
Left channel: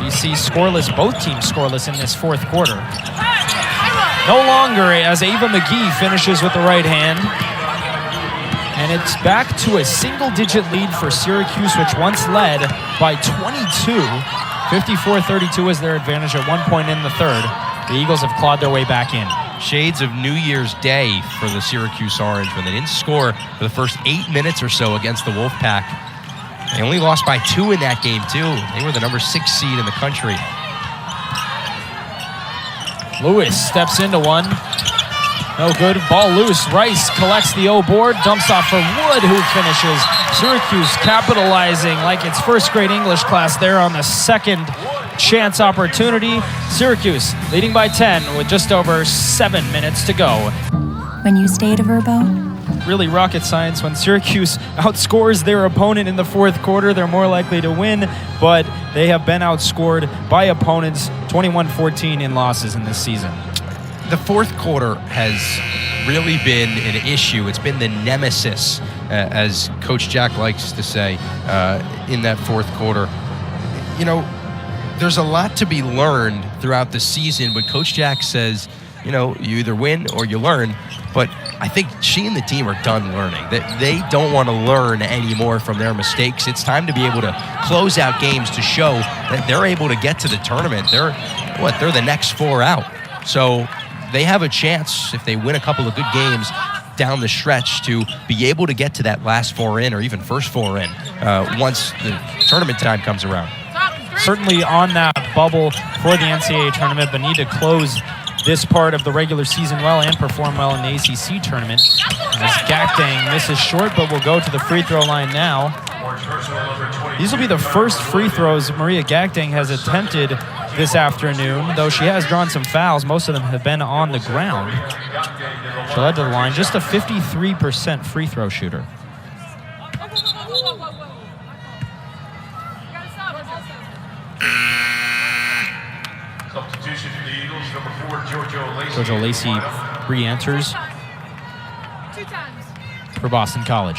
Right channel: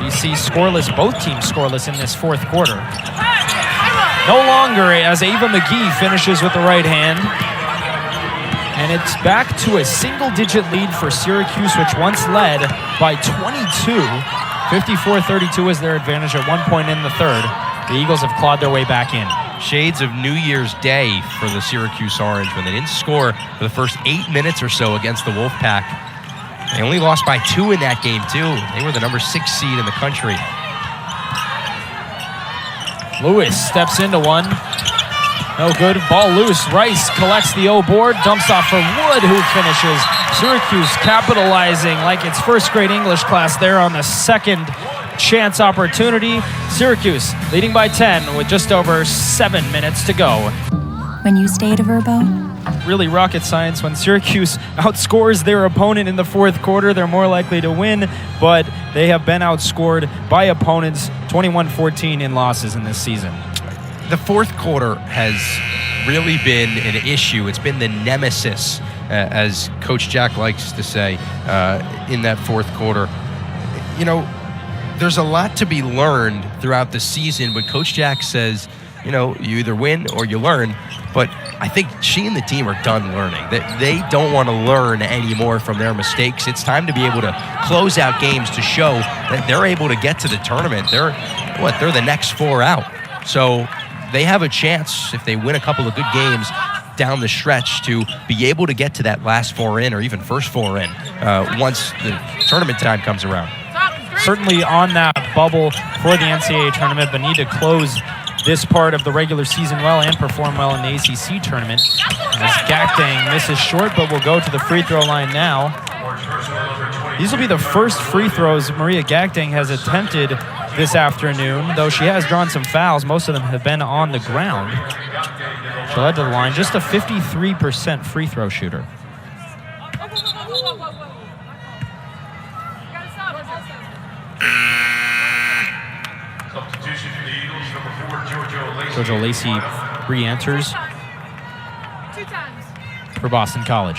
BC scoreless, both teams scoreless in this fourth quarter. No longer as Ava McGee finishes with the right hand. And it's back to a single-digit lead for Syracuse, which once led by 22. 54-32 is their advantage at one point in the third. The Eagles have clawed their way back in. Shades of New Year's Day for the Syracuse Orange when they didn't score for the first 8 minutes or so against the Wolfpack. They only lost by 2 in that game, too. They were the number 6 seed in the country. Lewis steps into one. No good. Ball loose. Rice collects the O board. Dumps off for Wood, who finishes. Syracuse capitalizing like its first grade English class there on the second chance opportunity. Syracuse leading by 10 with just over 7 minutes to go. When you stay to Verbo? Really rocket science. When Syracuse outscores their opponent in the fourth quarter, they're more likely to win, but they have been outscored by opponents 21-14 in losses in this season. The fourth quarter has really been an issue. It's been the nemesis, as Coach Jack likes to say, in that fourth quarter. You know, there's a lot to be learned throughout the season, but Coach Jack says, you know, you either win or you learn. But I think she and the team are done learning. They don't want to learn anymore from their mistakes. It's time to be able to close out games to show that they're able to get to the tournament. They're the next 4 out. So they have a chance, if they win a couple of good games down the stretch, to be able to get to that last 4 in or even first 4 in once the tournament time comes around. Certainly on that bubble for the NCAA tournament, but need to close this part of the regular season well and perform well in the ACC tournament. As Gakdeng misses short, but will go to the free throw line now. These will be the first free throws Maria Gakdeng has attempted this afternoon, though she has drawn some fouls. Most of them have been on the ground. So head to the line, just a 53% free throw shooter. Substitution for the Eagles, number 4, JoJo Lacey re-enters for Boston College.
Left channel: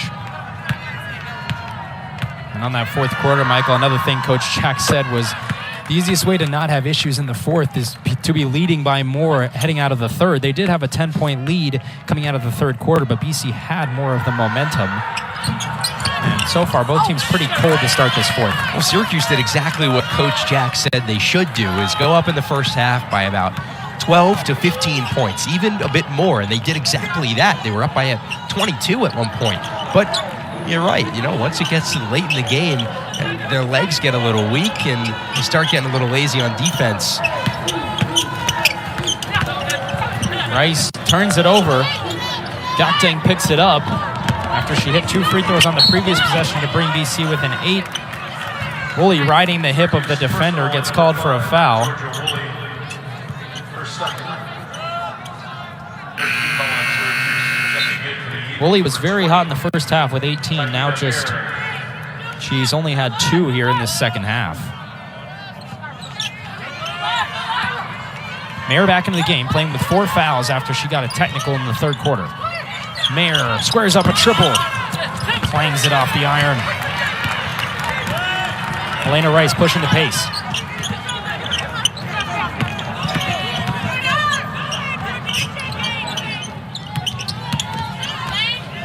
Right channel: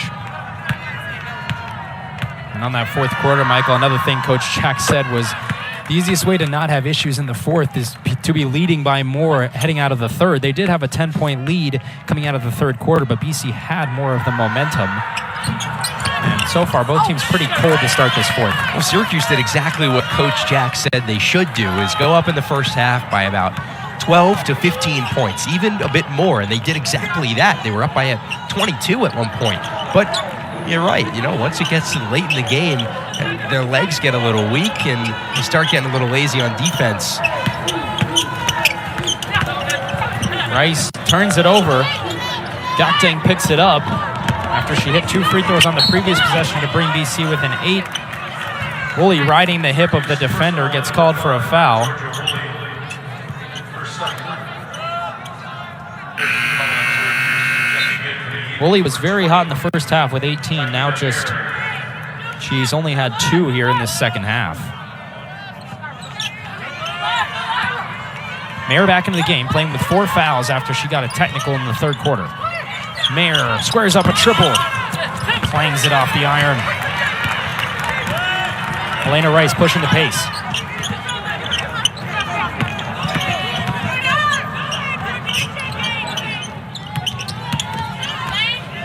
And on that fourth quarter, Michael, another thing Coach Jack said was the easiest way to not have issues in the fourth is to be leading by more heading out of the third. They did have a 10-point lead coming out of the third quarter, but BC had more of the momentum. And so far, both teams pretty cold to start this fourth. Well, Syracuse did exactly what Coach Jack said they should do, is go up in the first half by about 12 to 15 points, even a bit more, and they did exactly that. They were up by 22 at one point. But you're right, you know, once it gets late in the game, their legs get a little weak and they start getting a little lazy on defense. Rice turns it over. Gakdeng picks it up after she hit 2 free throws on the previous possession to bring BC within 8. Woolley riding the hip of the defender gets called for a foul. Woolley was very hot in the first half with 18. Now she's only had 2 here in this second half. Mayer back into the game, playing with 4 fouls after she got a technical in the third quarter. Mayer squares up a triple. Clangs it off the iron. Elena Rice pushing the pace.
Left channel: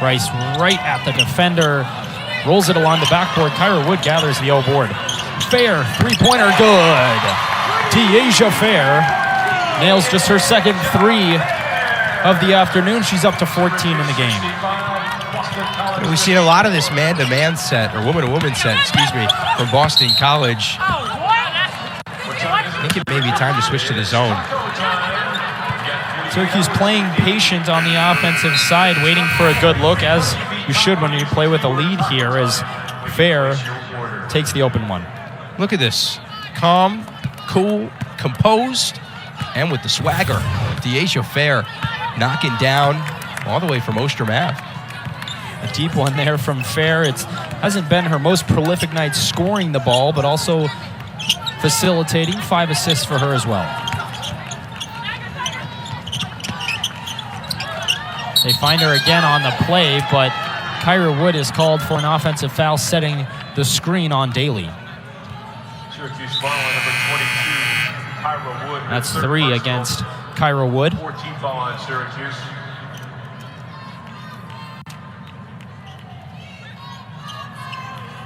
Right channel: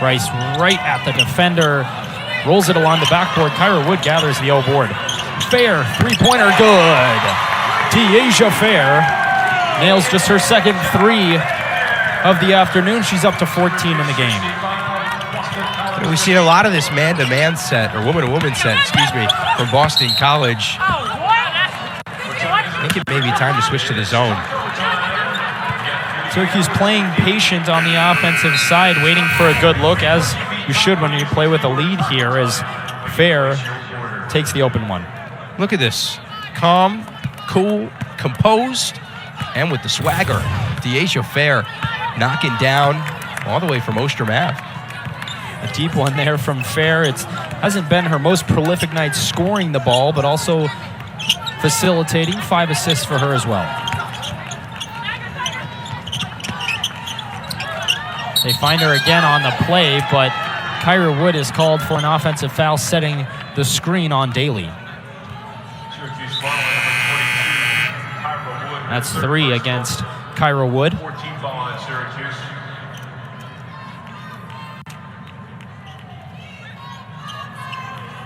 Rice right at the defender. Rolls it along the backboard. Kyra Wood gathers the O board. Fair, three-pointer, good. Dyaisha Fair nails just her second three of the afternoon. She's up to 14 in the game. We've seen a lot of this man-to-man set, or woman-to-woman set, from Boston College. I think it may be time to switch to the zone. Syracuse playing patient on the offensive side, waiting for a good look, as you should when you play with a lead here, as Fair takes the open one. Look at this. Calm, cool, composed, and with the swagger. Dyaisha Fair knocking down all the way from Ostrom Ave. A deep one there from Fair. It hasn't been her most prolific night scoring the ball, but also facilitating. 5 assists for her as well. They find her again on the play, but Kyra Wood is called for an offensive foul, setting the screen on Daly. Syracuse foul on number 22, Kyra Wood. That's 3 against Kyra Wood. 14 foul on Syracuse.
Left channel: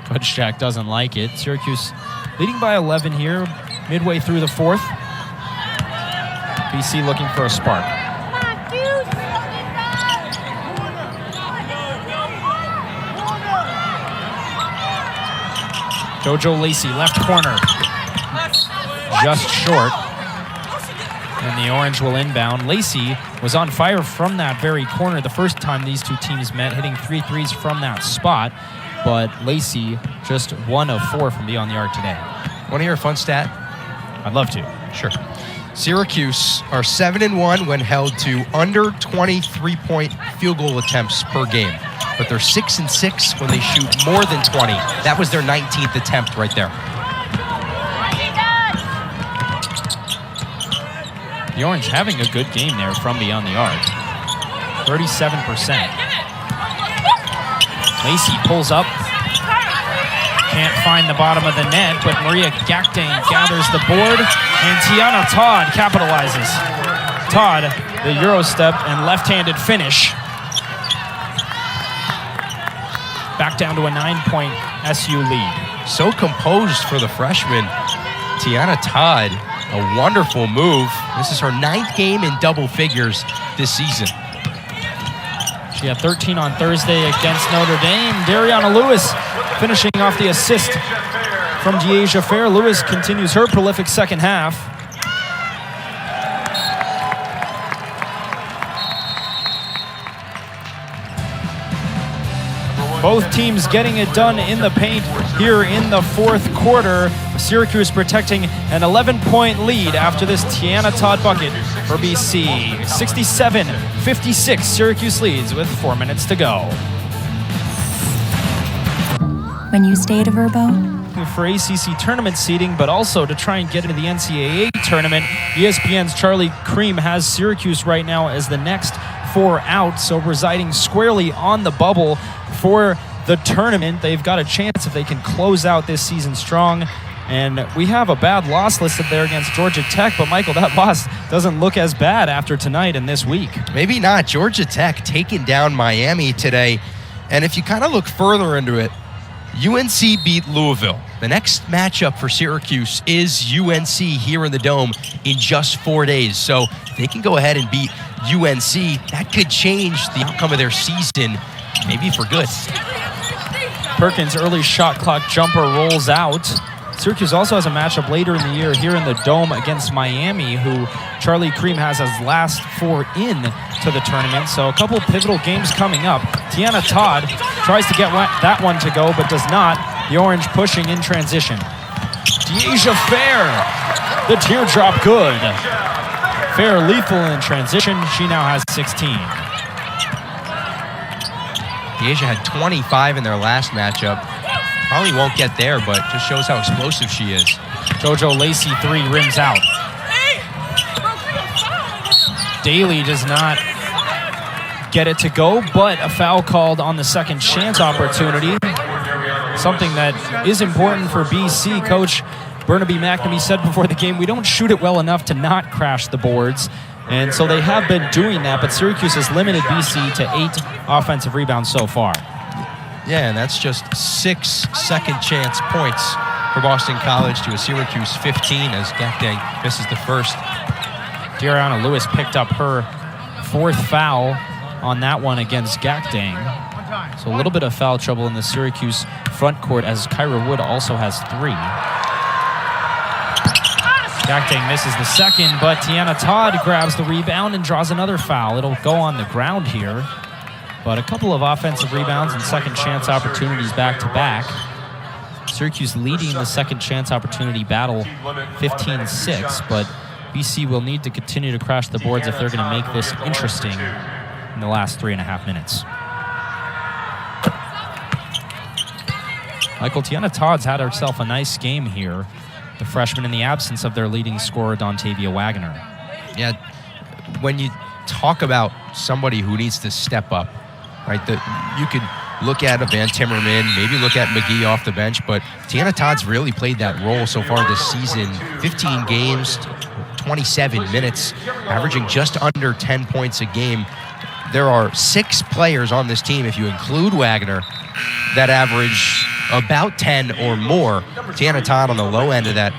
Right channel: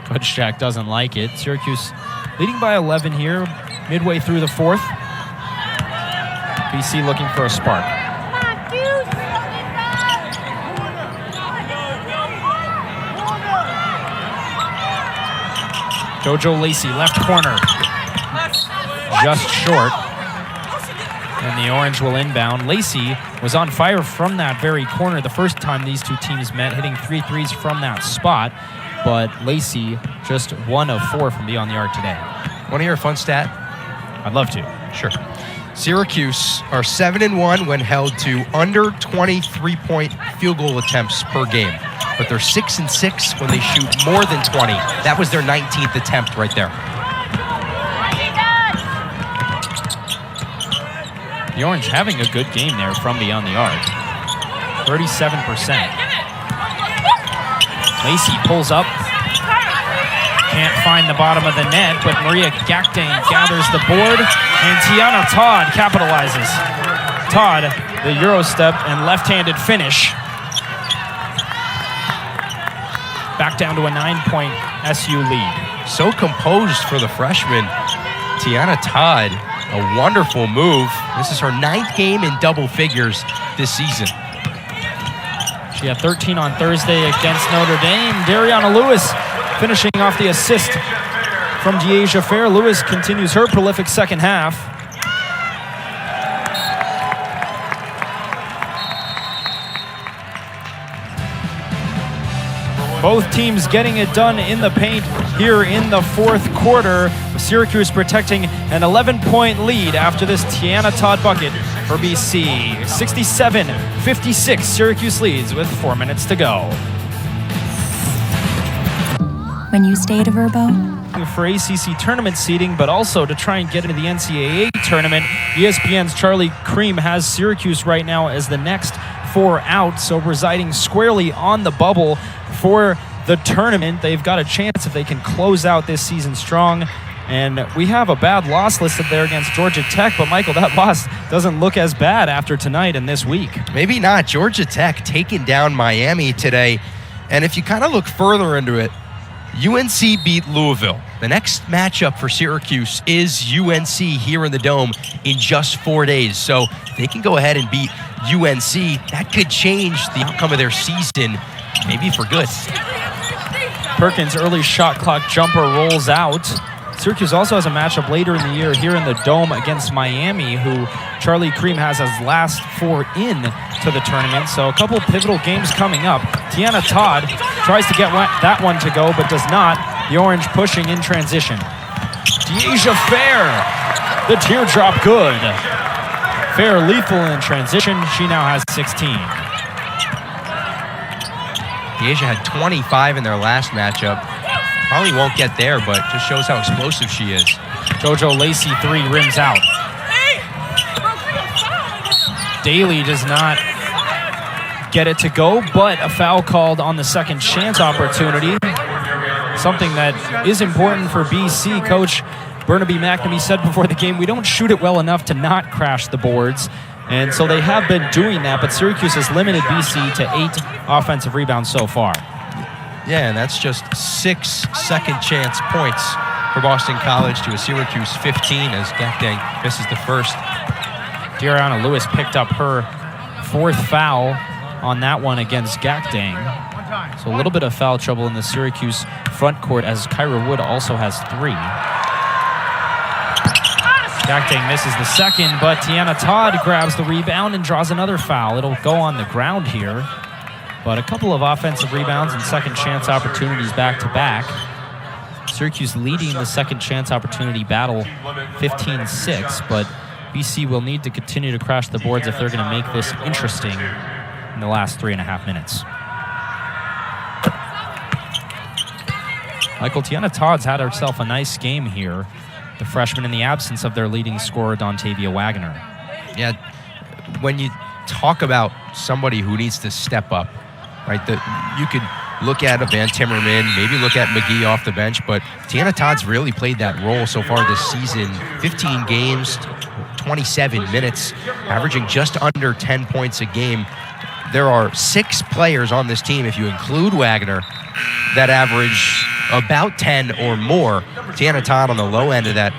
Coach Jack doesn't like it. Syracuse leading by 11 here, midway through the fourth. BC looking for a spark. JoJo Lacey, left corner. Just short. And the Orange will inbound. Lacey was on fire from that very corner the first time these two teams met, hitting 3 threes from that spot. But Lacey just 1 of 4 from beyond the arc today. Want to hear a fun stat? I'd love to. Sure. Syracuse are 7-1 when held to under 20 3-point field goal attempts per game. But they're 6-6 when they shoot more than 20. That was their 19th attempt right there. The Orange having a good game there from beyond the arc. 37%. Lacey pulls up. Can't find the bottom of the net, but Maria Gakdeng gathers the board, and Tiana Todd capitalizes. Todd, the Euro step and left-handed finish. Back down to a 9-point SU lead. So composed for the freshman. Tiana Todd, a wonderful move. This is her 9th game in double figures this season. She had 13 on Thursday against Notre Dame. Dariana Lewis finishing off the assist from Dyaisha Fair. Lewis continues her prolific second half. Both teams getting it done in the paint here in the fourth quarter. Syracuse protecting an 11-point lead after this Tiana Todd bucket for BC. 67-56, Syracuse leads with 4 minutes to go. When you stay at a Verbo, For ACC tournament seeding, but also to try and get into the NCAA tournament, ESPN's Charlie Cream has Syracuse right now as the next 4 out, so residing squarely on the bubble for the tournament. They've got a chance if they can close out this season strong. And we have a bad loss listed there against Georgia Tech, but Michael, that loss doesn't look as bad after tonight and this week. Maybe not. Georgia Tech taking down Miami today. And if you kind of look further into it, UNC beat Louisville. The next matchup for Syracuse is UNC here in the Dome in just 4 days. So they can go ahead and beat UNC. That could change the outcome of their season, maybe for good. Perkins' early shot clock jumper rolls out. Syracuse also has a matchup later in the year here in the Dome against Miami, who Charlie Cream has as last 4 in to the tournament. So a couple pivotal games coming up. Tiana Todd tries to get that one to go, but does not. The Orange pushing in transition. Dyaisha Fair, the teardrop good. Fair lethal in transition. She now has 16. Dyaisha had 25 in their last matchup. Probably won't get there, but just shows how explosive she is. JoJo Lacey 3 rims out. Daly does not get it to go, but a foul called on the second chance opportunity. Something that is important for BC. Coach Burnaby McNamee said before the game, we don't shoot it well enough to not crash the boards. And so they have been doing that, but Syracuse has limited BC to 8 offensive rebounds so far. Yeah, and that's just 6 second chance points for Boston College to a Syracuse 15 as Gakdeng misses the first. De'Ariana Lewis picked up her 4th foul on that one against Gakdeng. So a little bit of foul trouble in the Syracuse front court as Kyra Wood also has 3. Gakdeng misses the second, but Tiana Todd grabs the rebound and draws another foul. It'll go on the ground here, but a couple of offensive rebounds and second chance opportunities back to back. Syracuse leading the second chance opportunity battle 15-6, but BC will need to continue to crash the boards if they're going to make this interesting in the last 3.5 minutes. Michael, Tiana Todd's had herself a nice game here, the freshman, in the absence of their leading scorer, Dontavia Wagner. Yeah, when you talk about somebody who needs to step up, right, you could look at a Van Timmerman, maybe look at McGee off the bench, but Tiana Todd's really played that role so far this season. 15 games, 27 minutes, averaging just under 10 points a game. There are 6 players on this team, if you include Wagner, that average about 10 or more. Tiana Todd on the low end of that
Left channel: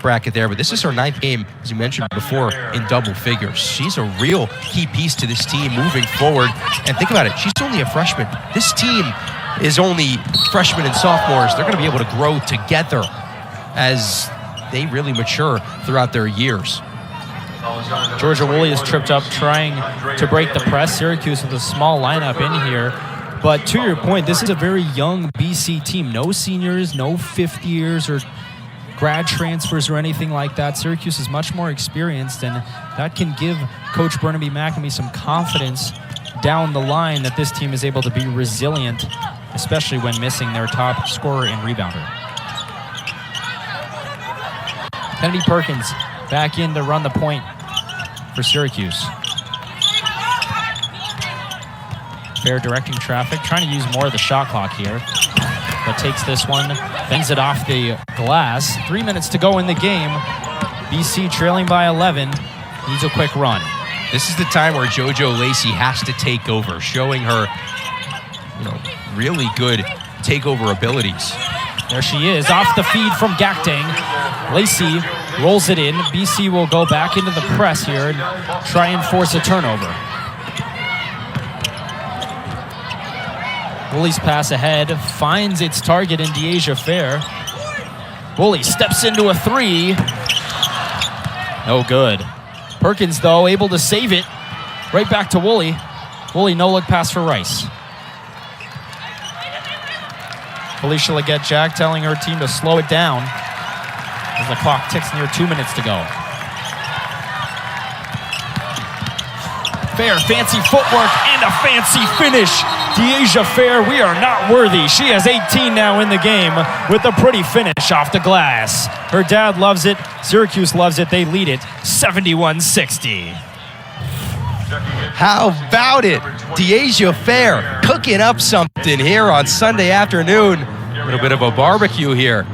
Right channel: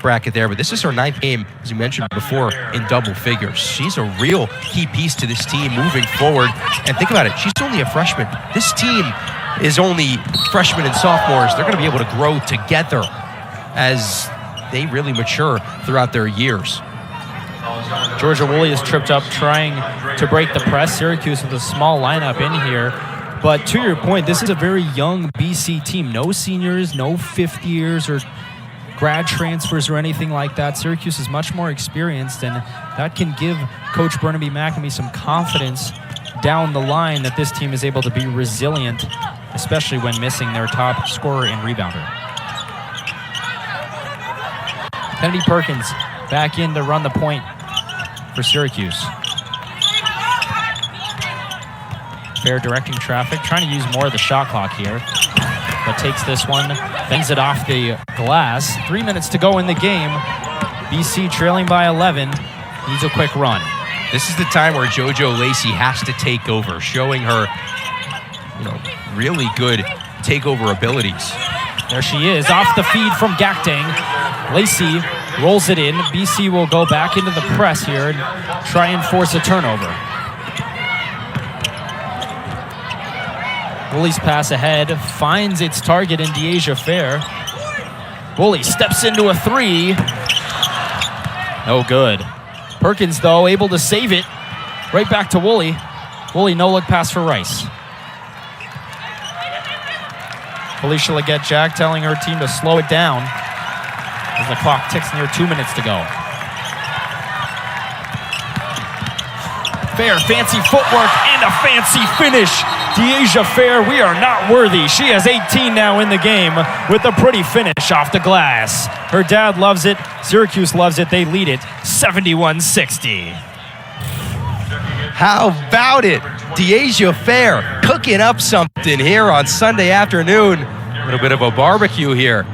bracket there, but this is her 9th game, as you mentioned before, in double figures. She's a real key piece to this team moving forward. And think about it, she's only a freshman. This team is only freshmen and sophomores. They're going to be able to grow together as they really mature throughout their years. Georgia Woolley is tripped up trying to break the press. Syracuse with a small lineup in here. But to your point, this is a very young BC team. No seniors, no 5th years or grad transfers or anything like that. Syracuse is much more experienced, and that can give Coach Burnaby McNamee some confidence down the line that this team is able to be resilient, especially when missing their top scorer and rebounder. Kennedy Perkins back in to run the point for Syracuse. Fair directing traffic, trying to use more of the shot clock here, but takes this one, bends it off the glass. 3 minutes to go in the game. BC trailing by 11, needs a quick run. This is the time where JoJo Lacey has to take over, showing her, really good takeover abilities. There she is, off the feed from Gakdeng. Lacey rolls it in. BC will go back into the press here and try and force a turnover. Woolley's pass ahead finds its target in Dyaisha Fair. Woolley steps into a 3. No good. Perkins, though, able to save it. Right back to Woolley. Woolley, no-look pass for Rice. Felicia Leggett-Jack telling her team to slow it down as the clock ticks near 2 minutes to go. Fair, fancy footwork and a fancy finish. Dyaisha Fair, we are not worthy. She has 18 now in the game with a pretty finish off the glass. Her dad loves it. Syracuse loves it. They lead it 71-60. How about it? Dyaisha Fair cooking up something here on Sunday afternoon. A little bit of a barbecue here.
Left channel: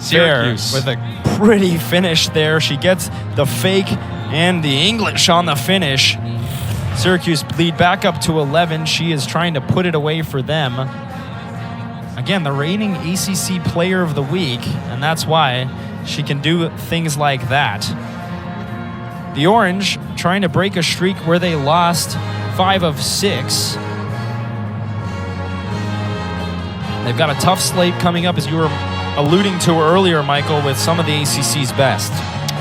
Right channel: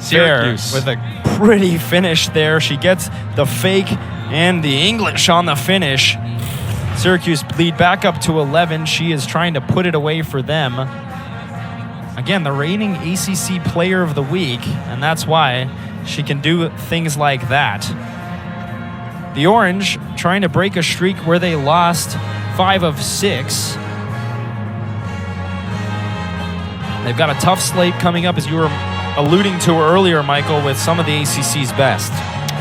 Syracuse with a pretty finish there. She gets the fake and the English on the finish. Syracuse lead back up to 11. She is trying to put it away for them. Again, the reigning ACC Player of the Week, and that's why she can do things like that. The Orange trying to break a streak where they lost 5 of 6. They've got a tough slate coming up, as you were alluding to earlier, Michael, with some of the ACC's best.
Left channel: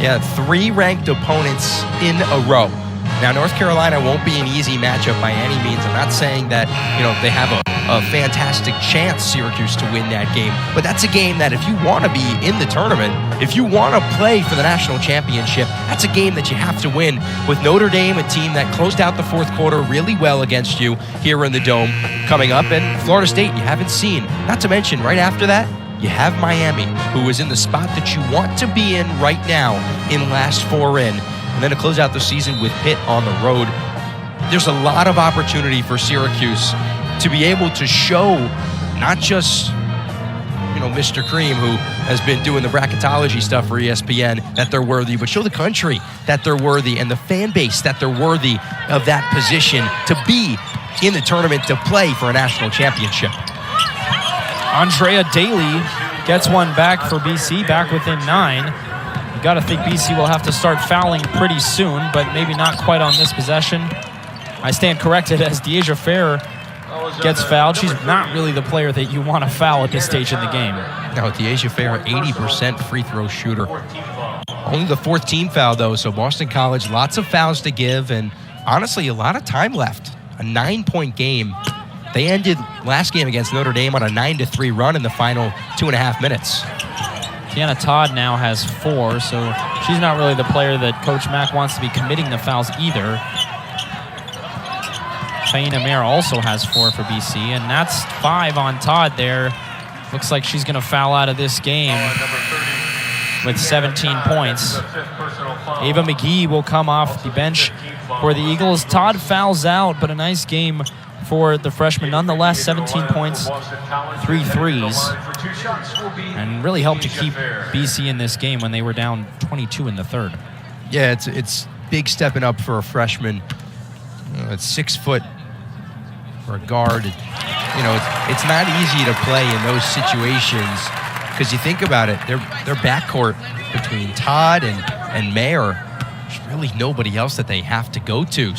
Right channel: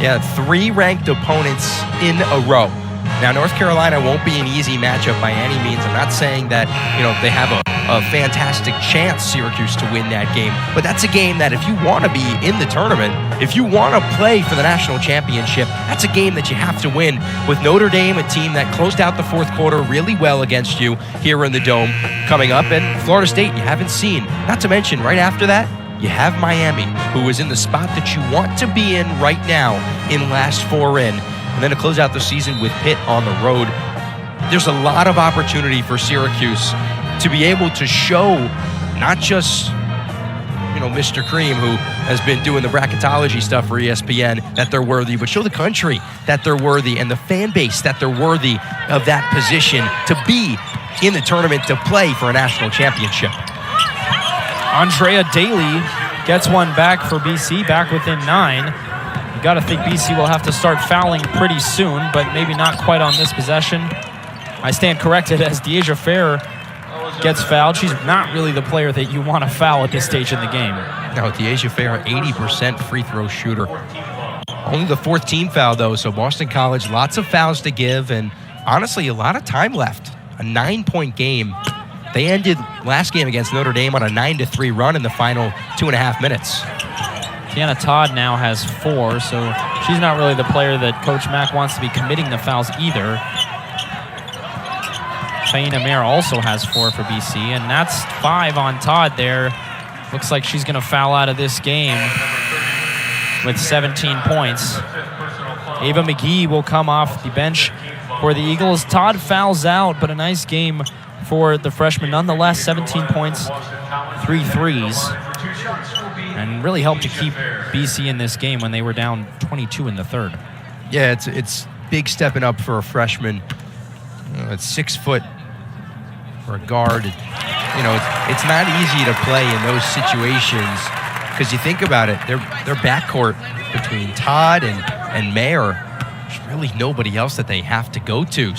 Yeah, 3 ranked opponents in a row. Now, North Carolina won't be an easy matchup by any means. I'm not saying that, they have a fantastic chance, Syracuse, to win that game. But that's a game that if you want to be in the tournament, if you want to play for the national championship, that's a game that you have to win. With Notre Dame, a team that closed out the fourth quarter really well against you here in the Dome coming up, and Florida State you haven't seen. Not to mention, right after that, you have Miami, who is in the spot that you want to be in right now in last 4 in. And then to close out the season with Pitt on the road. There's a lot of opportunity for Syracuse to be able to show not just, Mr. Cream, who has been doing the bracketology stuff for ESPN, that they're worthy, but show the country that they're worthy and the fan base that they're worthy of that position to be in the tournament to play for a national championship. Andrea Daly gets one back for BC, back within 9. You got to think BC will have to start fouling pretty soon, but maybe not quite on this possession. I stand corrected as Dyaisha Fair gets fouled. She's not really the player that you want to foul at this stage in the game. No, Dyaisha Fair, 80% free throw shooter. Only the 4th team foul, though, so Boston College, lots of fouls to give, and honestly, a lot of time left. A 9-point game. They ended last game against Notre Dame on a 9-3 run in the final 2.5 minutes. Tiana Todd now has 4, so she's not really the player that Coach Mack wants to be committing the fouls either. Taina Mayer also has 4 for BC, and that's 5 on Todd there. Looks like she's going to foul out of this game with 17 points. Ava McGee will come off the bench for the Eagles. Todd fouls out, but a nice game for the freshman. Nonetheless, 17 points, 3 threes, and really helped to keep BC in this game when they were down 22 in the third. Yeah, it's big stepping up for a freshman. It's 6 foot for a guard. It's not easy to play in those situations because you think about it, their backcourt between Todd and Mayer, there's really nobody else that they have to go to, or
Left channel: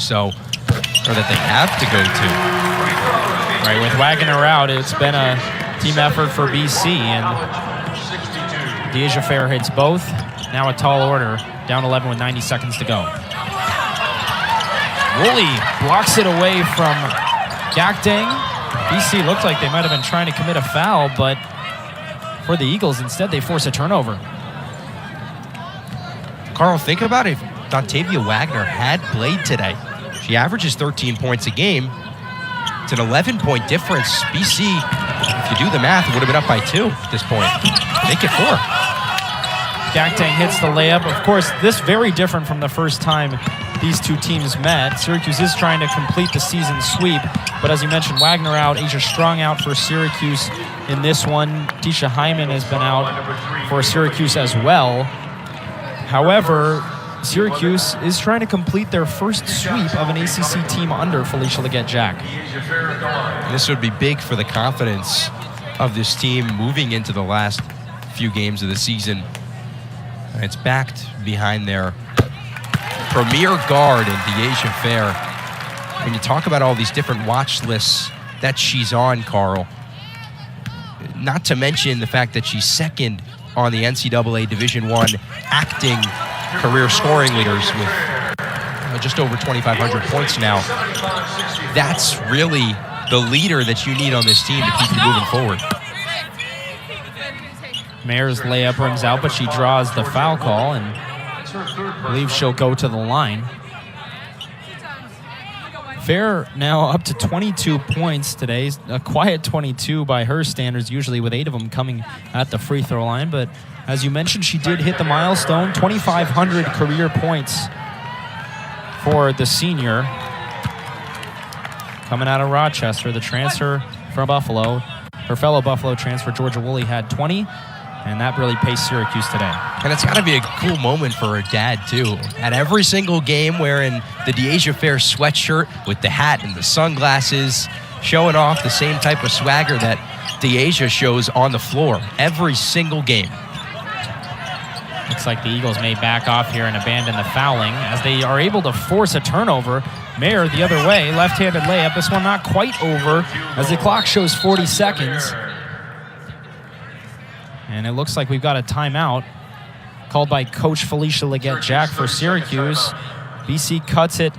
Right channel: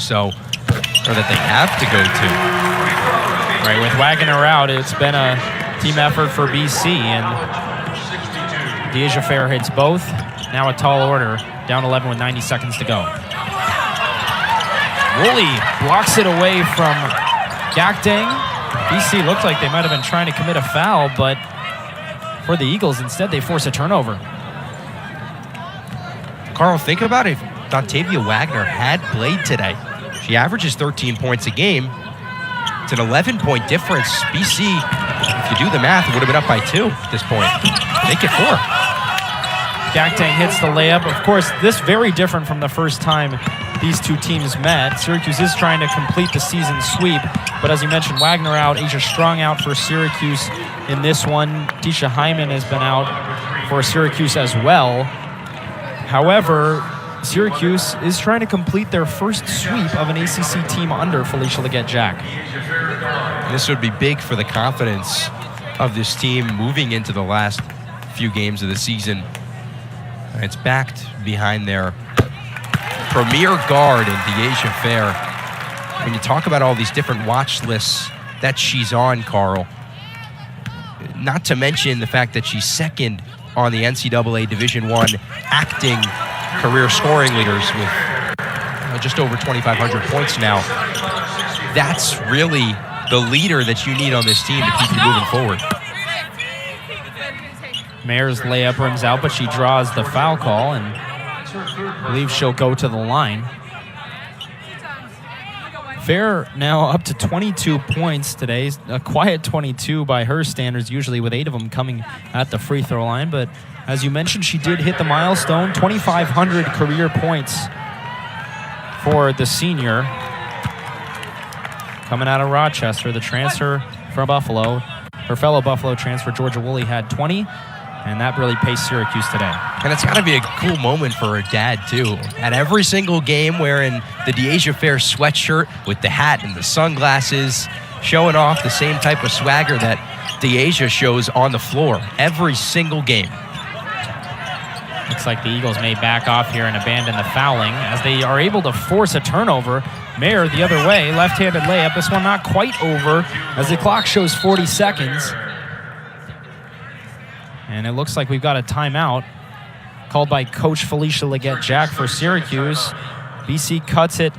that they have to go to. Right, with Wagner out, it's been a team effort for BC, and Dyaisha Fair hits both. Now a tall order, down 11 with 90 seconds to go. Woolley blocks it away from Gakdeng. BC looked like they might have been trying to commit a foul, but for the Eagles, instead they force a turnover. Carl, think about it. Dontavia Wagner had played today. She averages 13 points a game. It's an 11-point difference. BC, if you do the math, it would have been up by 2 at this point. Make it 4. Gakdeng hits the layup. Of course, this very different from the first time these two teams met. Syracuse is trying to complete the season sweep, but as you mentioned, Wagner out, Asia Strong out for Syracuse in this one. Tisha Hyman has been out for Syracuse as well. However, Syracuse is trying to complete their first sweep of an ACC team under Felicia Leggett-Jack. This would be big for the confidence of this team moving into the last few games of the season. And it's backed behind their premier guard in Dyaisha Fair. When you talk about all these different watch lists that she's on, Carl, not to mention the fact that she's second on the NCAA Division I acting career scoring leaders with just over 2,500 points now. That's really the leader that you need on this team to keep you moving forward. Mayer's layup rings out, but she draws the foul call and believes she'll go to the line. Fair now up to 22 points today. A quiet 22 by her standards, usually with 8 of them coming at the free throw line. But as you mentioned, she did hit the milestone, 2,500 career points for the senior. Coming out of Rochester, the transfer from Buffalo. Her fellow Buffalo transfer, Georgia Woolley, had 20. And that really paced Syracuse today. And it's got to be a cool moment for her dad, too. At every single game, wearing the Dyaisha Fair sweatshirt with the hat and the sunglasses, showing off the same type of swagger that Dyaisha shows on the floor every single game. Looks like the Eagles may back off here and abandon the fouling as they are able to force a turnover. Mayer the other way, left-handed layup. This one not quite over as the clock shows 40 seconds. And it looks like we've got a timeout called by Coach Felicia Leggett-Jack for Syracuse. BC cuts it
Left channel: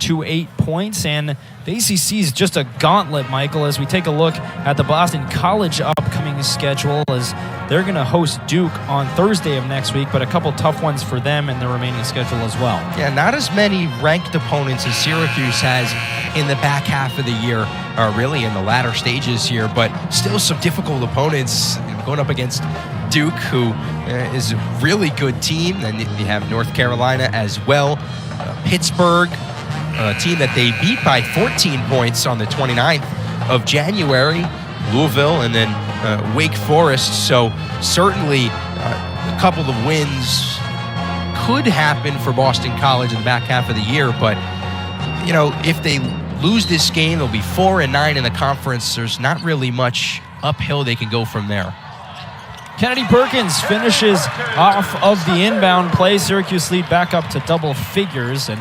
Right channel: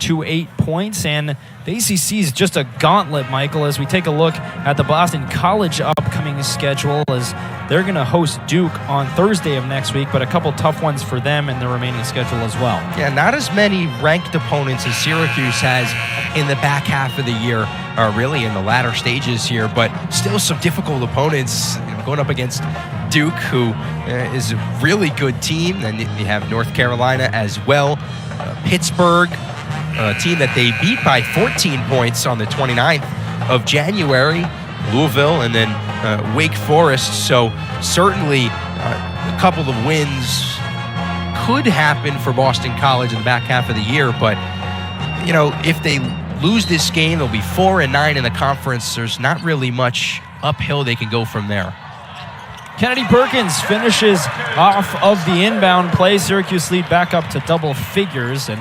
to 8 points, and the ACC is just a gauntlet, Michael, as we take a look at the Boston College upcoming schedule, as they're going to host Duke on Thursday of next week, but a couple tough ones for them in the remaining schedule as well. Yeah, not as many ranked opponents as Syracuse has in the back half of the year, or really in the latter stages here, but still some difficult opponents going up against Duke, who is a really good team. Then you have North Carolina as well. Pittsburgh, a team that they beat by 14 points on the 29th of January. Louisville, and then Wake Forest. So certainly a couple of wins could happen for Boston College in the back half of the year. But, if they lose this game, they'll be 4-9 in the conference. There's not really much uphill they can go from there. Kennedy Perkins finishes off of the inbound play. Syracuse lead back up to double figures. And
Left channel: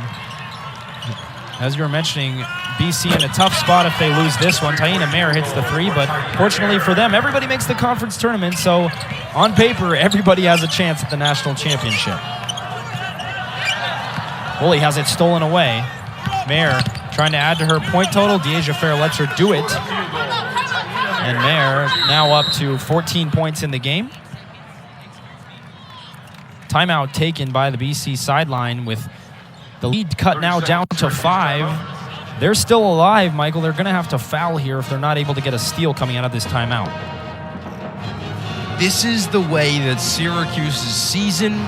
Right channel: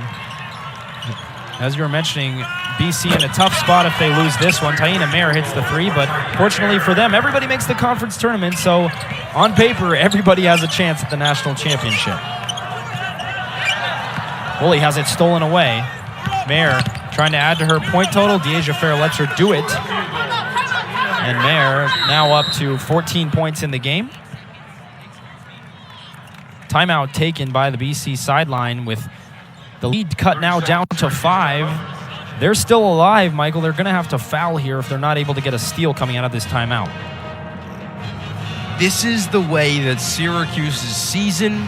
as you were mentioning, BC in a tough spot if they lose this one. Taina Mayer hits the three, but fortunately for them, everybody makes the conference tournament. So on paper, everybody has a chance at the national championship. Woolley has it stolen away. Mayer trying to add to her point total. Dyaisha Fair lets her do it. And Mayer now up to 14 points in the game. Timeout taken by the BC sideline with the lead cut now down to 5. They're still alive, Michael. They're going to have to foul here if they're not able to get a steal coming out of this timeout. This is the way that Syracuse's season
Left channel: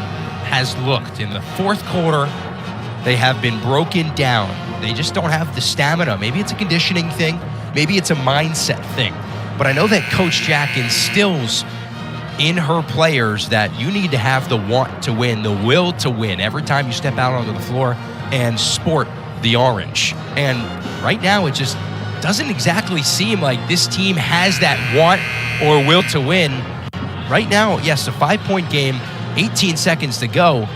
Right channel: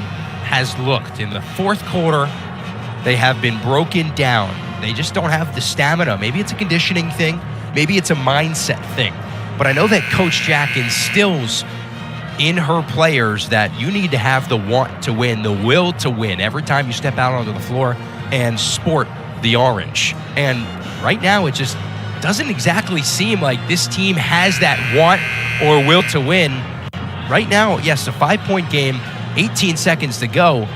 has looked. In the fourth quarter, they have been broken down. They just don't have the stamina. Maybe it's a conditioning thing. Maybe it's a mindset thing. But I know that Coach Jack instills in her players that you need to have the want to win, the will to win every time you step out onto the floor and sport the orange. And right now, it just doesn't exactly seem like this team has that want or will to win. Right now, yes, a 5-point game, 18 seconds to go,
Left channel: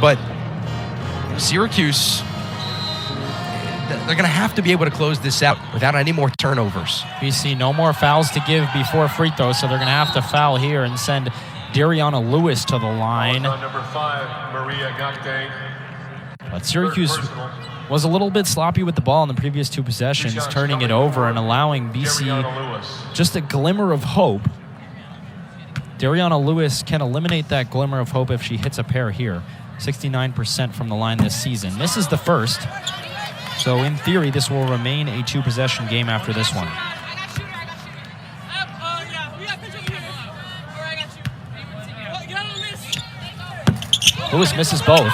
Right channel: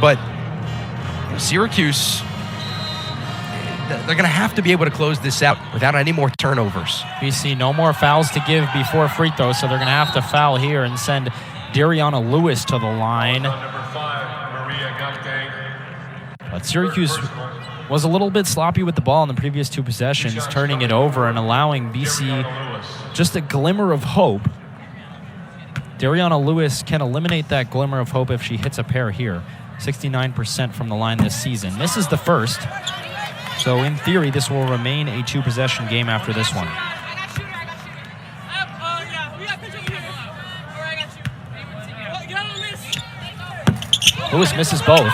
but Syracuse, they're going to have to be able to close this out without any more turnovers. BC, no more fouls to give before free throw, so they're going to have to foul here and send Dariana Lewis to the line. Number 5, Maria Gakdeng. But Syracuse was a little bit sloppy with the ball in the previous 2 possessions, turning it over and allowing BC just a glimmer of hope. Dariana Lewis can eliminate that glimmer of hope if she hits a pair here. 69% from the line this season. Misses the first. So in theory, this will remain a 2-possession game after this one. Lewis misses both.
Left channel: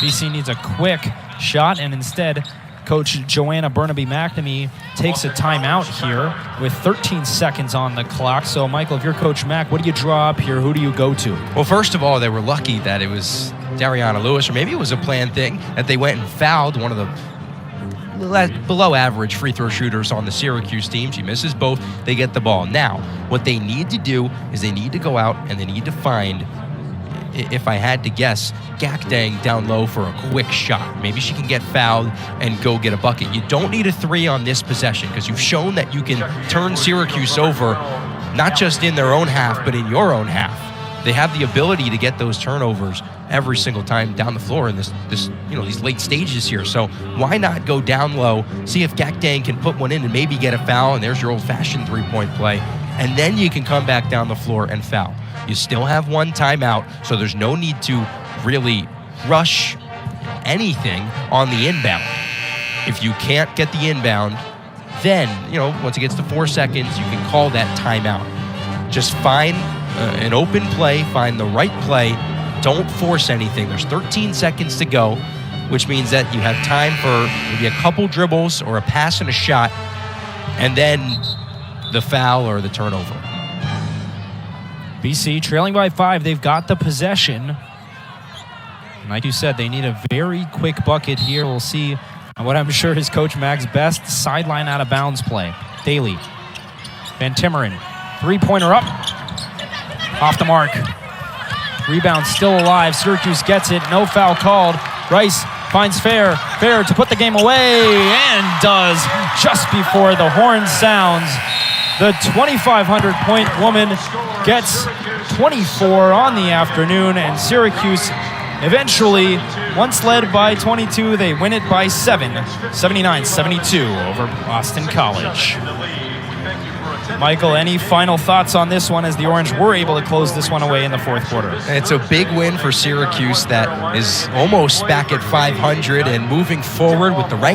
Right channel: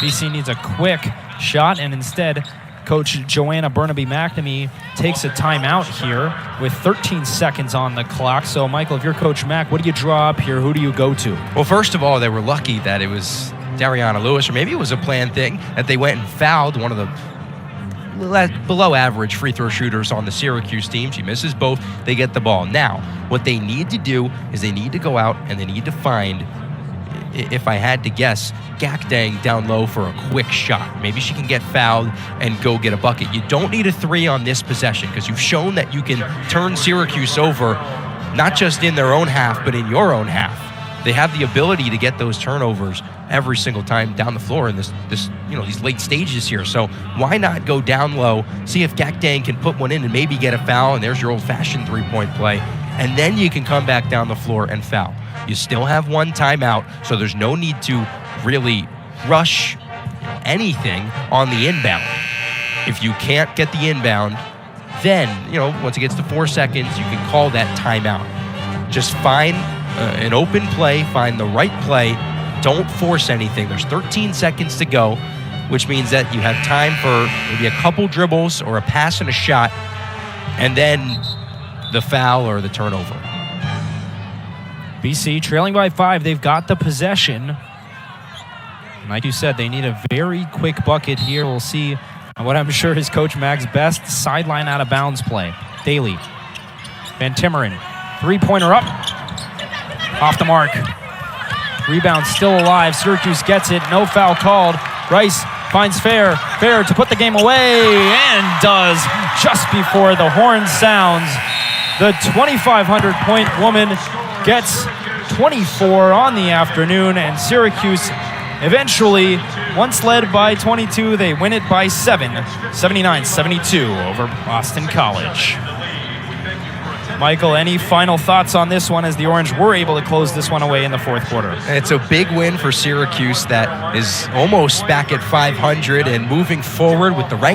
BC needs a quick shot, and instead, Coach Joanna Burnaby-McNamee takes a timeout here with 13 seconds on the clock. So, Michael, if you're Coach Mack, what do you draw up here? Who do you go to? Well, first of all, they were lucky that it was Dariana Lewis, or maybe it was a planned thing, that they went and fouled one of the below average free throw shooters on the Syracuse team. She misses both. They get the ball. Now, what they need to do is they need to go out and they need to find, if I had to guess, Gakdeng down low for a quick shot. Maybe she can get fouled and go get a bucket. You don't need a 3 on this possession because you've shown that you can turn Syracuse over, not just in their own half, but in your own half. They have the ability to get those turnovers every single time down the floor in this these late stages here. So why not go down low, see if Gakdeng can put one in and maybe get a foul, and there's your old-fashioned 3-point play, and then you can come back down the floor and foul. You still have 1 timeout, so there's no need to really rush anything on the inbound. If you can't get the inbound, then, once it gets to 4 seconds, you can call that timeout. Just find an open play, find the right play. Don't force anything. There's 13 seconds to go, which means that you have time for maybe a couple dribbles or a pass and a shot, and then the foul or the turnover. BC trailing by 5. They've got the possession. Like you said, they need a very quick bucket here. We'll see what I'm sure is Coach Mack's best sideline out of bounds play. Daly. Van Timmeren. 3-pointer up. Off the mark. Rebound still alive. Syracuse gets it. No foul called. Rice finds Fair. Fair to put the game away, and does just before the horn sounds. The 2,500-point woman gets 24 on the afternoon, and Syracuse eventually, once led by 22, they win it by 7, 79-72 over Boston College. Michael, any final thoughts on this one as the Orange were able to close this one away in the fourth quarter? It's a big win for Syracuse that is almost back at 500 and moving forward with the right